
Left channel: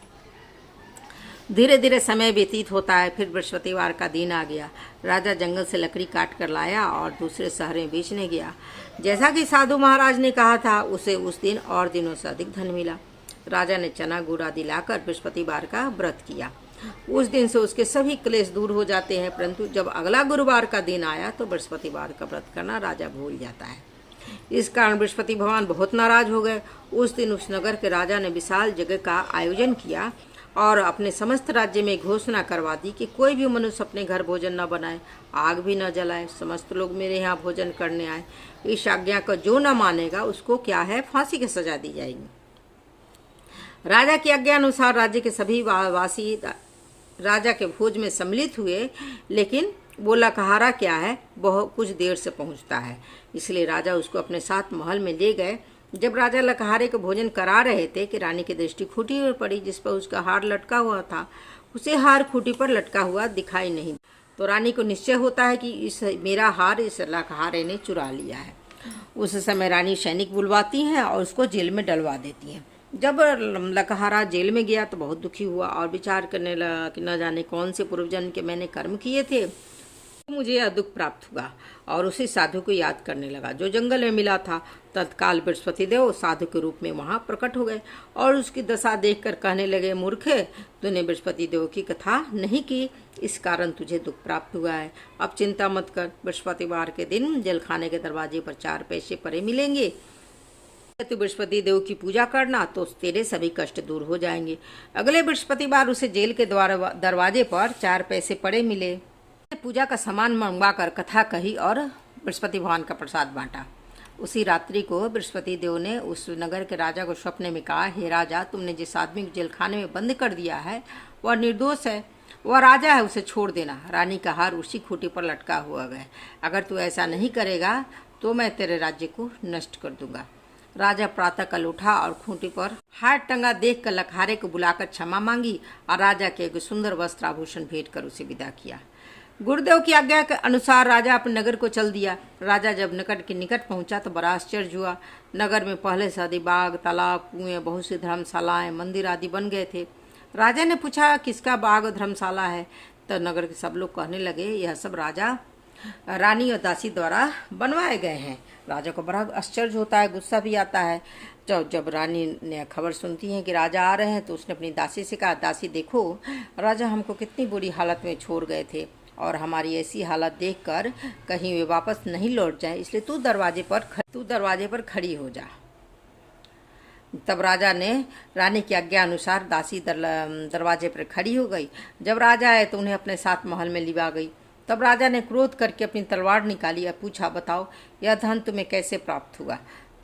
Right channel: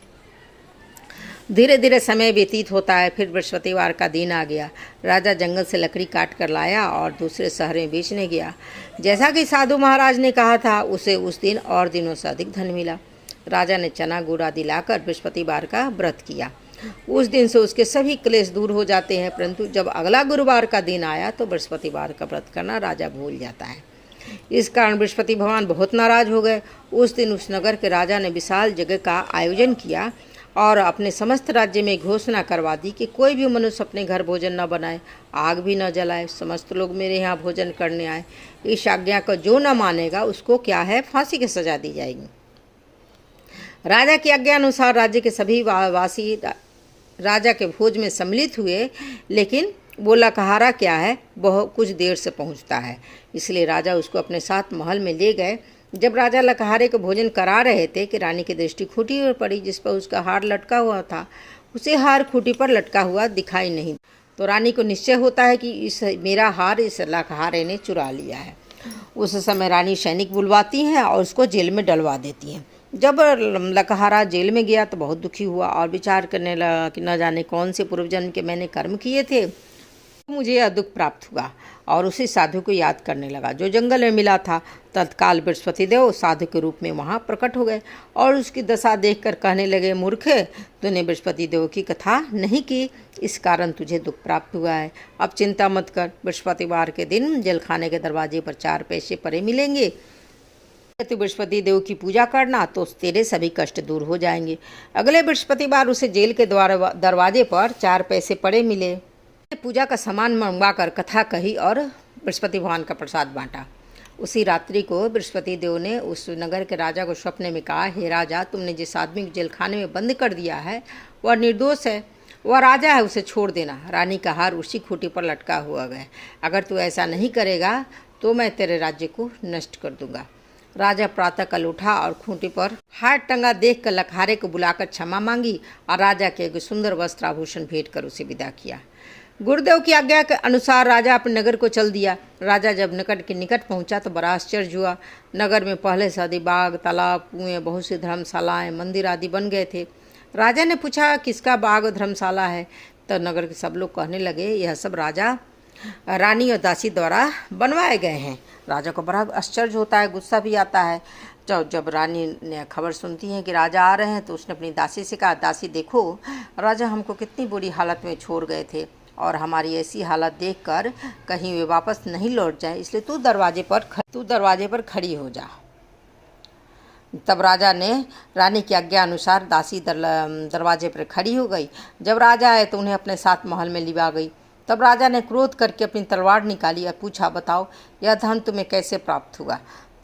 धीरे धीरे समय व्यतीत होता है। फिर बृहस्पतिवार का दिन आ गया। राजा जंगल से लकड़ी काट कर लाया और दूसरे शहर में बेचने गया। जैसा कि साधु महाराज ने कहा था, उसे उस दिन और दिनों से अधिक धन मिला। राजा ने चना गुड़ आदि लाकर बृहस्पतिवार का व्रत किया। उस दिन से उसके सभी क्लेश दूर हो जाते हैं। परंतु जब अगला गुरुवार का दिन आया तो बृहस्पतिवार का व्रत करना राजा भूल जाता है। इस कारण बृहस्पति भगवान बहुत नाराज हो गए। उस दिन उस नगर के राजा ने विशाल यज्ञ का आयोजन किया और अपने समस्त राज्य में घोषणा करवा दी कि कोई भी मनुष्य अपने घर भोजन न बनाए, आग भी न जलाए, समस्त लोग मेरे यहाँ भोजन करने आए। इस आज्ञा को जो न मानेगा उसको क्या है, फांसी की सजा दी जाएगी। राजा की आज्ञा अनुसार राज्य के सभी वासी राजा के भोज में सम्मिलित हुए, लेकिन वो लकहारा क्या है, बहुत कुछ देर से पहुंचता है। इसलिए राजा उसको अपने साथ महल में ले गए। जब राजा लकहारे को भोजन करा रहे थे कि रानी की दृष्टि खूंटी पर पड़ी जिस पर उसका हार लटका हुआ था। उसे हार खूंटी पर लटका हुआ दिखाई नहीं तो रानी को निश्चय होता है कि मेरा हार इस लकहारे ने चुरा लिया है। उस समय रानी सैनिक बुलवाती हैं और उसको जेल में डलवा देती हैं। जब लकहारा जेल में गया तो बहुत दुखी हुआ और विचार करने लगा कि न जाने कौन से पूर्वजन्म के मैंने कर्म किए थे, मुझे यह दुख प्राप्त हुआ। और उसी साधु को याद करने लगा जो जंगल में मिला था। तत्काल बृहस्पति देव साधु के रूप में वहाँ प्रकट हो गए और उसकी दशा देखकर कहने लगे, मूर्खे, तूने बृहस्पति देव की कथा नहीं की, इस कारण तुझे दुख प्राप्त हुआ है। अब चिंता मत कर, बृहस्पतिवार के दिन जेलखाने के दरवाजे पर 4 पैसे पड़े मिलेंगे। तू बृहस्पति देव की पूजा करना तो तेरे सभी कष्ट दूर हो जाएंगे। अगले बृहस्पतिवार उसे जेल के दरवाजे पर 4 पैसे पड़े मिले। पूजा का सामान मंगवाकर कथा कही और बृहस्पति भगवान का प्रसाद बांटा। उसी रात्रि को बृहस्पति देव ने उस नगर के राजा को स्वप्न में कहा, हे राजा, तुमने जिस आदमी को जेलखाने में बंद कर दिया है वह निर्दोष है, वह राजा है, उसे छोड़ देना। रानी का हार उसी खूंटी पर लटका हुआ है। अगर तू ऐसा नहीं करेगा तो मैं तेरे राज्य को नष्ट कर दूंगा। राजा प्रातःकाल उठा और खूंटी पर हाथ टंगा देखकर लखारे को बुलाकर क्षमा मांगी और राजा के एक सुंदर वस्त्र आभूषण भेंट कर उसे विदा किया। गुरुदेव की आज्ञा के अनुसार राजा अपने नगर को चल दिया। राजा जब नगर के निकट पहुंचा तो बड़ा आश्चर्य हुआ। नगर में पहले से अधिक बाग, तालाब, कुएं, बहुत सी धर्मशालाएं, मंदिर आदि बन गए थे। राजा ने पूछा, किसका बाग और धर्मशाला है? तो नगर के सब लोग कहने लगे, यह सब राजा, रानी और दासी द्वारा बनवाए गए हैं। राजा को बड़ा आश्चर्य होता है, गुस्सा भी आता है। जब रानी ने खबर सुनती है कि राजा आ रहे हैं तो उसने अपनी दासी से कहा, दासी देखो, राजा हमको कितनी बुरी हालत में छोड़ गए थे और हमारी ऐसी हालत देखकर कहीं वे वापस नहीं लौट जाए, इसलिए तू दरवाजे पर खड़ी हो जा। तब राजा ने रानी की आज्ञा अनुसार दासी दरवाजे पर खड़ी हो गई। जब राजा आए तो उन्हें अपने साथ महल में लिवा गई। तब राजा ने क्रोध करके अपनी तलवार निकाली और पूछा, बताओ यह धन तुम्हें कैसे प्राप्त हुआ?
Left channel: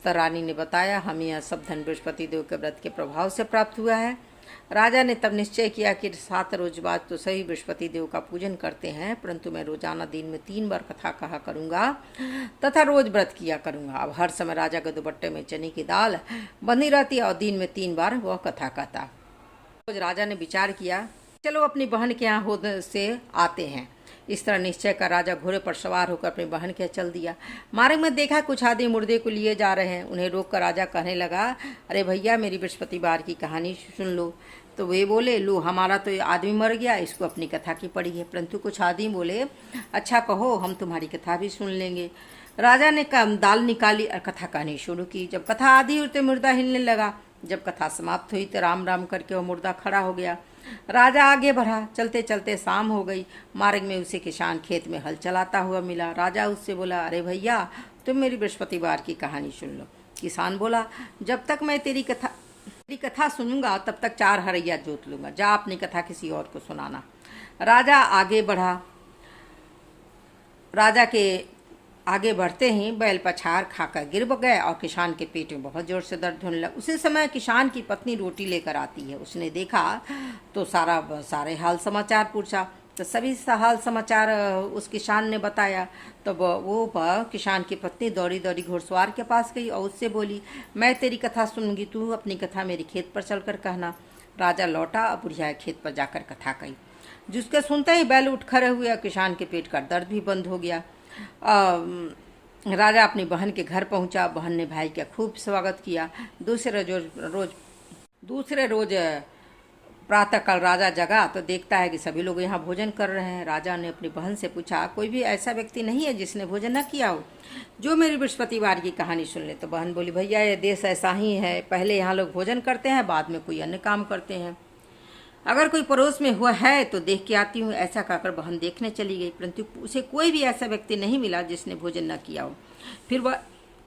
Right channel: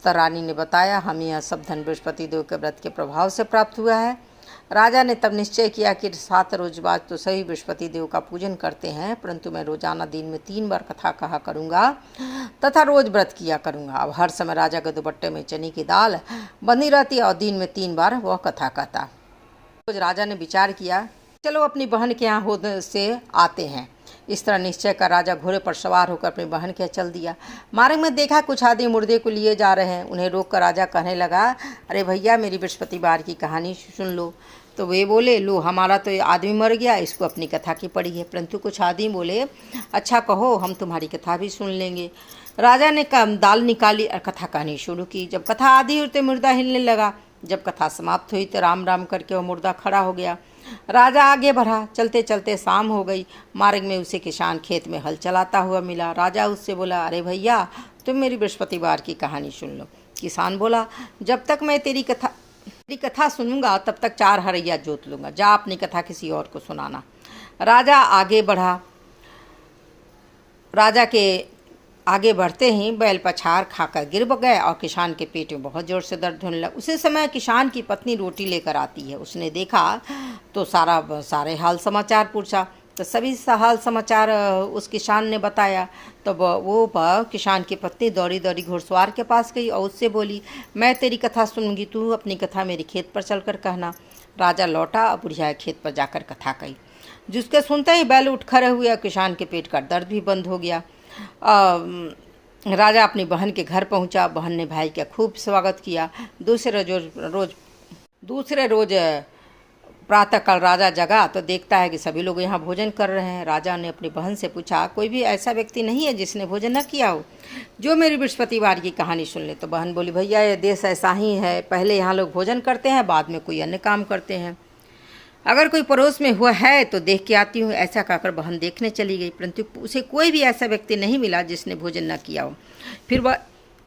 तो रानी ने बताया, हम यह सब धन बृहस्पति देव के व्रत के प्रभाव से प्राप्त हुआ है। राजा ने तब निश्चय किया कि 7 रोज बाद तो सही बृहस्पति देव का पूजन करते हैं, परंतु मैं रोजाना दिन में 3 बार कथा कहा करूँगा तथा रोज व्रत किया करूँगा। अब हर समय राजा के दुपट्टे में चने की दाल बंधी रहती और दिन में 3 बार वह कथा कहता। रोज राजा ने विचार किया, चलो अपनी बहन के यहाँ होने से आते हैं। इस तरह निश्चय कर राजा घोड़े पर सवार होकर अपनी बहन के चल दिया। मार्ग में देखा कुछ आदमी मुर्दे को लिए जा रहे हैं। उन्हें रोककर राजा कहने लगा, अरे भैया, मेरी बृहस्पतिवार की कहानी सुन लो। तो वे बोले, लो, हमारा तो आदमी मर गया, इसको अपनी कथा की पड़ी है। परंतु कुछ आदमी बोले, अच्छा कहो, हम तुम्हारी कथा भी सुन लेंगे। राजा ने दाल निकाली और कथा कहनी शुरू की। जब कथा आधी हुई तो मुर्दा हिलने लगा। जब कथा समाप्त हुई तो राम राम करके वह मुर्दा खड़ा हो गया। राजा आगे बढ़ा। चलते चलते शाम हो गई। मार्ग में उसे किसान खेत में हल चलाता हुआ मिला। राजा उससे बोला, अरे भैया, तुम मेरी बृहस्पतिवार की कहानी सुन लो। किसान बोला, जब तक मैं तेरी कथा सुनूंगा तब तक 4 हरैया जोत लूंगा। जा अपनी कथा किसी और को सुनाना। राजा आगे बढ़ा। राजा के आगे बढ़ते ही बैल पछाड़ खाकर गिर गए और किसान के पेट में बहुत जोर से दर्द होने लगा। उसी समय किसान की पत्नी रोटी लेकर आती है। उसने देखा तो सारे हाल समाचार पूछा। तो सभी हाल समाचार उस किसान ने बताया। तो वो किसान की पत्नी दौड़ी दौड़ी घुड़सवार के पास गई और उससे बोली, मैं तेरी कथा सुनूंगी, तू अपनी कथा मेरे खेत पर चलकर कहना। राजा लौटा और बुढ़िया खेत पर जाकर कथा कही। जिसके सुनते ही बैल उठ खड़े हुए। किसान के पेट का दर्द भी बंद हो गया। राजा अपनी बहन के घर पहुंचा। बहन ने भाई का खूब स्वागत किया। दूसरे रोज प्रातःकाल राजा जगा तो देखता है कि सभी लोग यहाँ भोजन कर रहे हैं। राजा ने अपनी बहन से पूछा, कोई भी ऐसा व्यक्ति नहीं है जिसने भोजन न किया हो, जो मेरी बृहस्पतिवार की कहानी सुन ले? तो बहन बोली, भैया, ये देश ऐसा ही है, पहले यहाँ लोग भोजन करते हैं, बाद में कोई अन्य काम करते हैं। अगर कोई पड़ोस में हुआ है तो देख के आती हूँ। ऐसा कहकर बहन देखने चली गई, परंतु उसे कोई भी ऐसा व्यक्ति नहीं मिला जिसने भोजन न किया हो। फिर वह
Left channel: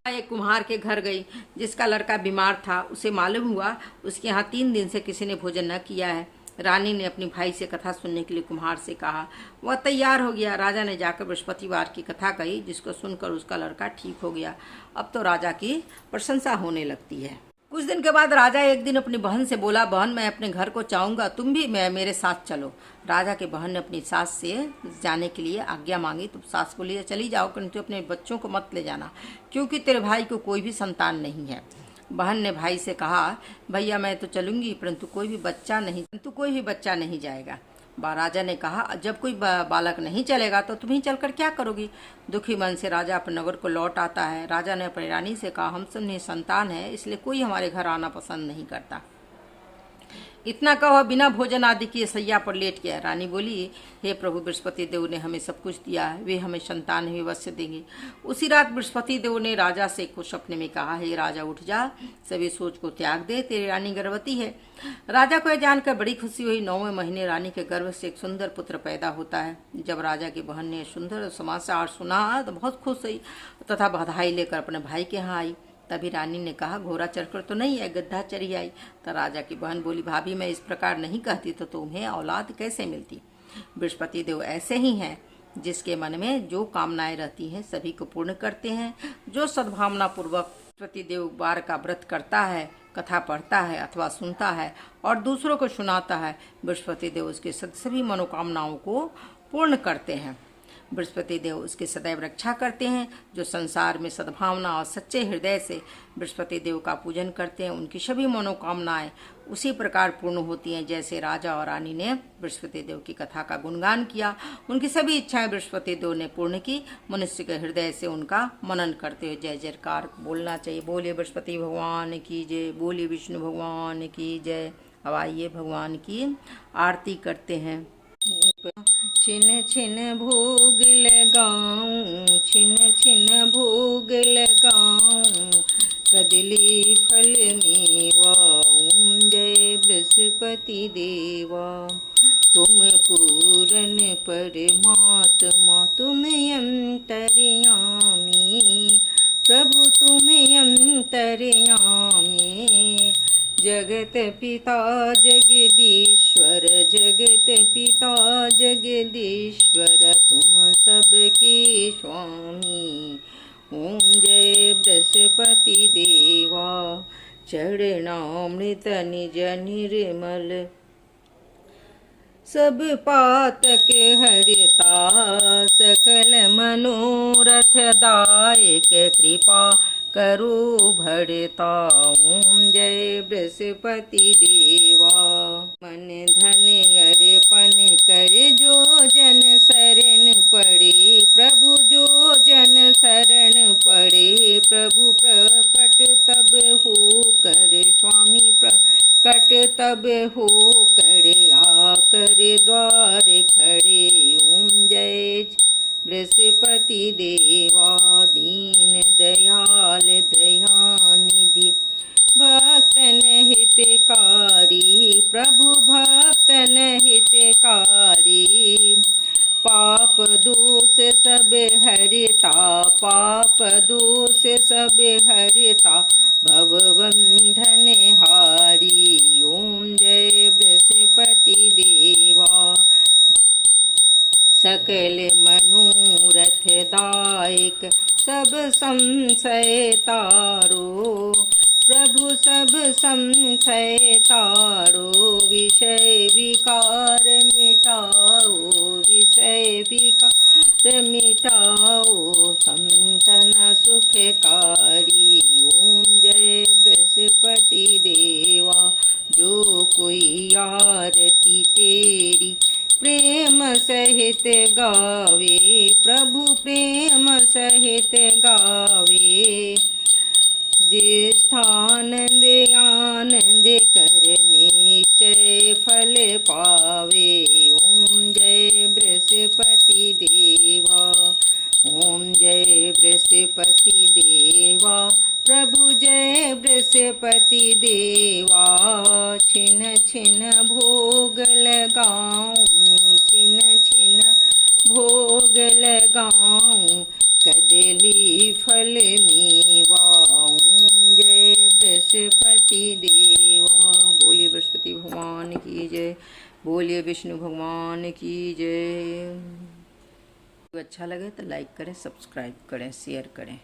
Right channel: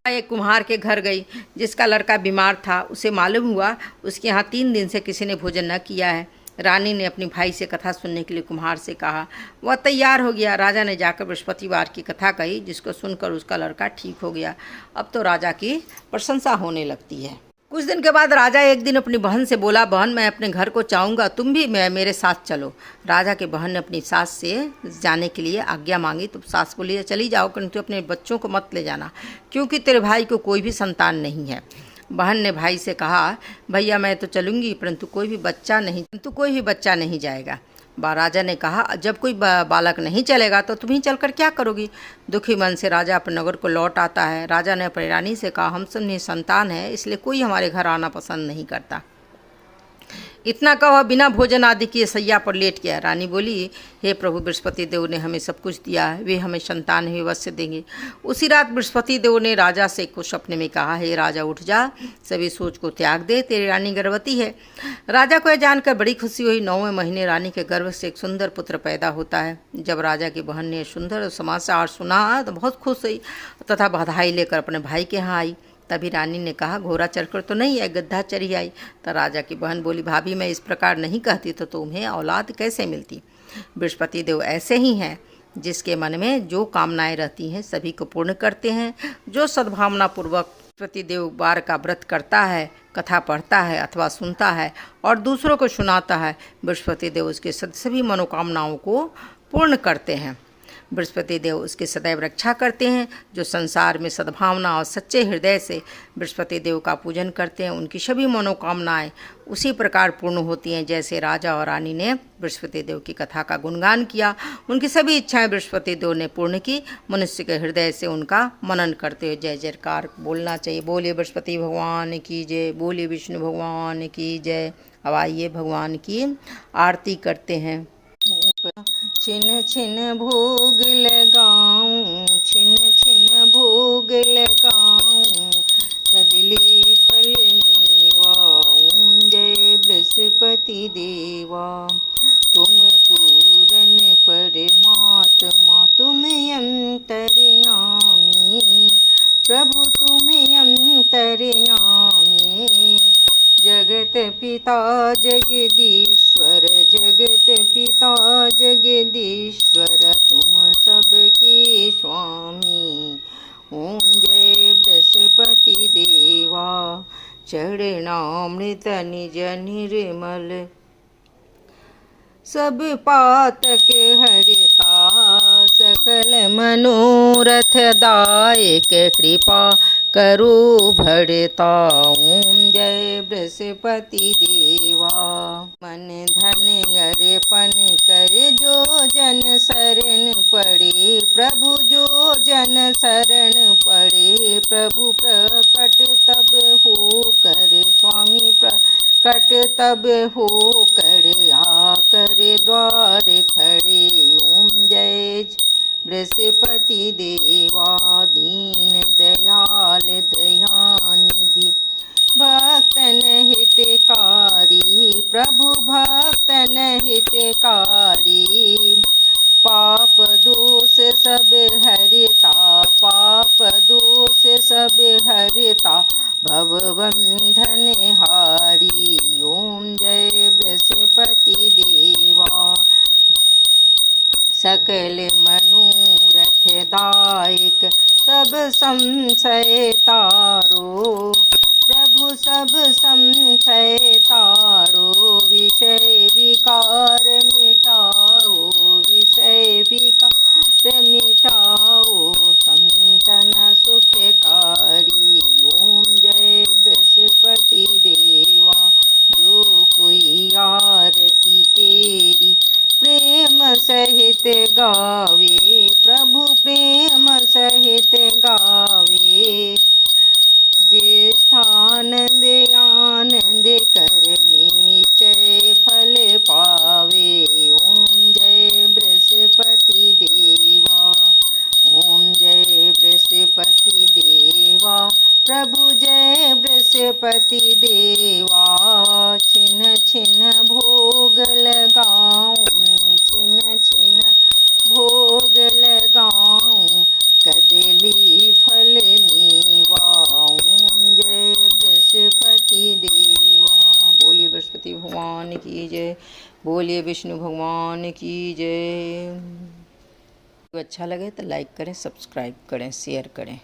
एक कुम्हार के घर गई जिसका लड़का बीमार था। उसे मालूम हुआ उसके यहाँ 3 दिन से किसी ने भोजन न किया है। रानी ने अपनी भाई से कथा सुनने के लिए कुम्हार से कहा। वह तैयार हो गया। राजा ने जाकर बृहस्पतिवार की कथा कही, जिसको सुनकर उसका लड़का ठीक हो गया। अब तो राजा की प्रशंसा होने लगती है। कुछ दिन के बाद राजा एक दिन अपनी बहन से बोला, बहन, मैं अपने घर को चाहूँगा, तुम भी मेरे साथ चलो। राजा की बहन ने अपनी सास से जाने के लिए आज्ञा मांगी तो सास बोली, चली जाओ, परंतु अपने बच्चों को मत ले जाना, क्योंकि तेरे भाई को कोई भी संतान नहीं है। बहन ने भाई से कहा, भैया, मैं तो चलूँगी, परंतु कोई भी बच्चा नहीं जाएगा। राजा ने कहा, जब कोई बालक नहीं चलेगा तो तुम ही चलकर क्या करोगी? दुखी मन से राजा अपने नगर को लौट आता है। राजा ने अपनी रानी से कहा, हम सब निसंतान हैं, इसलिए कोई हमारे घर आना पसंद नहीं करता। इतना कहो बिना भोजन आदि किए सैया पर लेट गया। रानी बोली, हे प्रभु, बृहस्पति देव ने हमें सब कुछ दिया है, वे हमें संतान ही अवश्य देंगे। उसी रात बृहस्पति देव ने राजा से कुछ सपने में कहा, हे राजा, उठ जा, सभी सोच को त्याग दे, तेरी रानी गर्भवती है। राजा को यह जानकर बड़ी खुशी हुई। 9वें महीने रानी के गर्भ से एक सुंदर पुत्र पैदा होता है। जब राजा की बहन ने सुंदर समाचार सुना तो बहुत खुश हुई तथा बधाई लेकर अपने भाई के यहाँ आई। तभी रानी ने कहा, घोड़ा चढ़कर तो नहीं है, गद्दा चढ़ी आई। तो राजा की बहन बोली, भाभी, मैं इस प्रकार नहीं कहती तो तुम्हें औलाद कैसे मिलती? बृहस्पति देव ऐसे ही हैं, जिसके मन में जो कामनाएं रहती हैं सभी को पूर्ण करते हैं। जो सद्भावना पूर्वक बृहस्पति देव वार का व्रत करता है, कथा पढ़ता है अथवा सुनता है और दूसरों को सुनाता है, बृहस्पति देव उसके सभी मनोकामनाओं को पूर्ण करते हैं। बृहस्पति देव उसकी सदैव रक्षा करते हैं। जो संसार में सद्भावना और सच्चे हृदय से बृहस्पति देव का पूजन करते हैं, उनकी सभी मनोकामनाएं उसी प्रकार पूर्ण होती हैं जैसे राजा और रानी ने बृहस्पति देव की कथा का गुणगान किया। उनकी सभी इच्छाएं बृहस्पति देव ने पूर्ण की। मनुष्य के हृदय से उनका मनन करते हुए जय जयकार बोलना चाहिए। बोलिए बृहस्पति भगवान की जय, बोलिए विष्णु भगवान की जय। अब आइए भगवान की आरती करते हैं। छिन छिन भोग लगाऊं, छिन छिन भोग लगाऊं, कदली फल मीवाऊं, जय बृहस्पति देवा। तुम पूरन परमात्मा, तुम अंतर्यामी, प्रभु तुम अंतर्यामी। जगत पिता जगदीश्वर, जगत पिता जगदीश्वर, तुम सबके स्वामी। ओम जय बृहस्पति देवा। चरणामृत निज निर्मल, सब पातक हरिता, सकल मनोरथ दायक, कृपा करो भरता। ओम जय बृहस्पति देवा। मन धन अर्पण कर जो जन शरण पड़े, प्रभु जो जन शरण पड़े, प्रभु प्रकट तब हो कर, स्वामी प्रकट तब हो कर, आकर द्वार खड़े। ओम जय बृहस्पति देवा। दीन दयाल दयानिधि, भक्तन हितकारी, प्रभु भक्तन हितकारी। पाप दोष सब हरिता, पाप दोष सब हरिता, भवबंधन हारी। ओम जय बृहस्पति देवा। सकल मनोरथ दायक, सब संशय तारो, प्रभु सब संशय तारो। विषय विकार मिटाओ, विषय विकार मिटाओ, संतन सुखकारी। ओम जय बृहस्पति देवा। जो कोई आरती तेरी प्रेम सहित गावे, प्रभु प्रेम सहित गावे। ज्येष्ठानंद आनंद कर निश्चय फल पावे। ओम जय बृहस्पति देवा। ओम जय बृहस्पति देवा। प्रभु जय बृहस्पति देवा। छिन छिन भोग लगाऊं, छिन छिन भोग लगाऊं, कदली फल मीवाऊं, जय बृहस्पति देवा। बोलिए बृहस्पति भगवान की जय, बोलिए विष्णु भगवान की जय। अच्छा लगे तो लाइक करें, सब्सक्राइब करें, शेयर करें।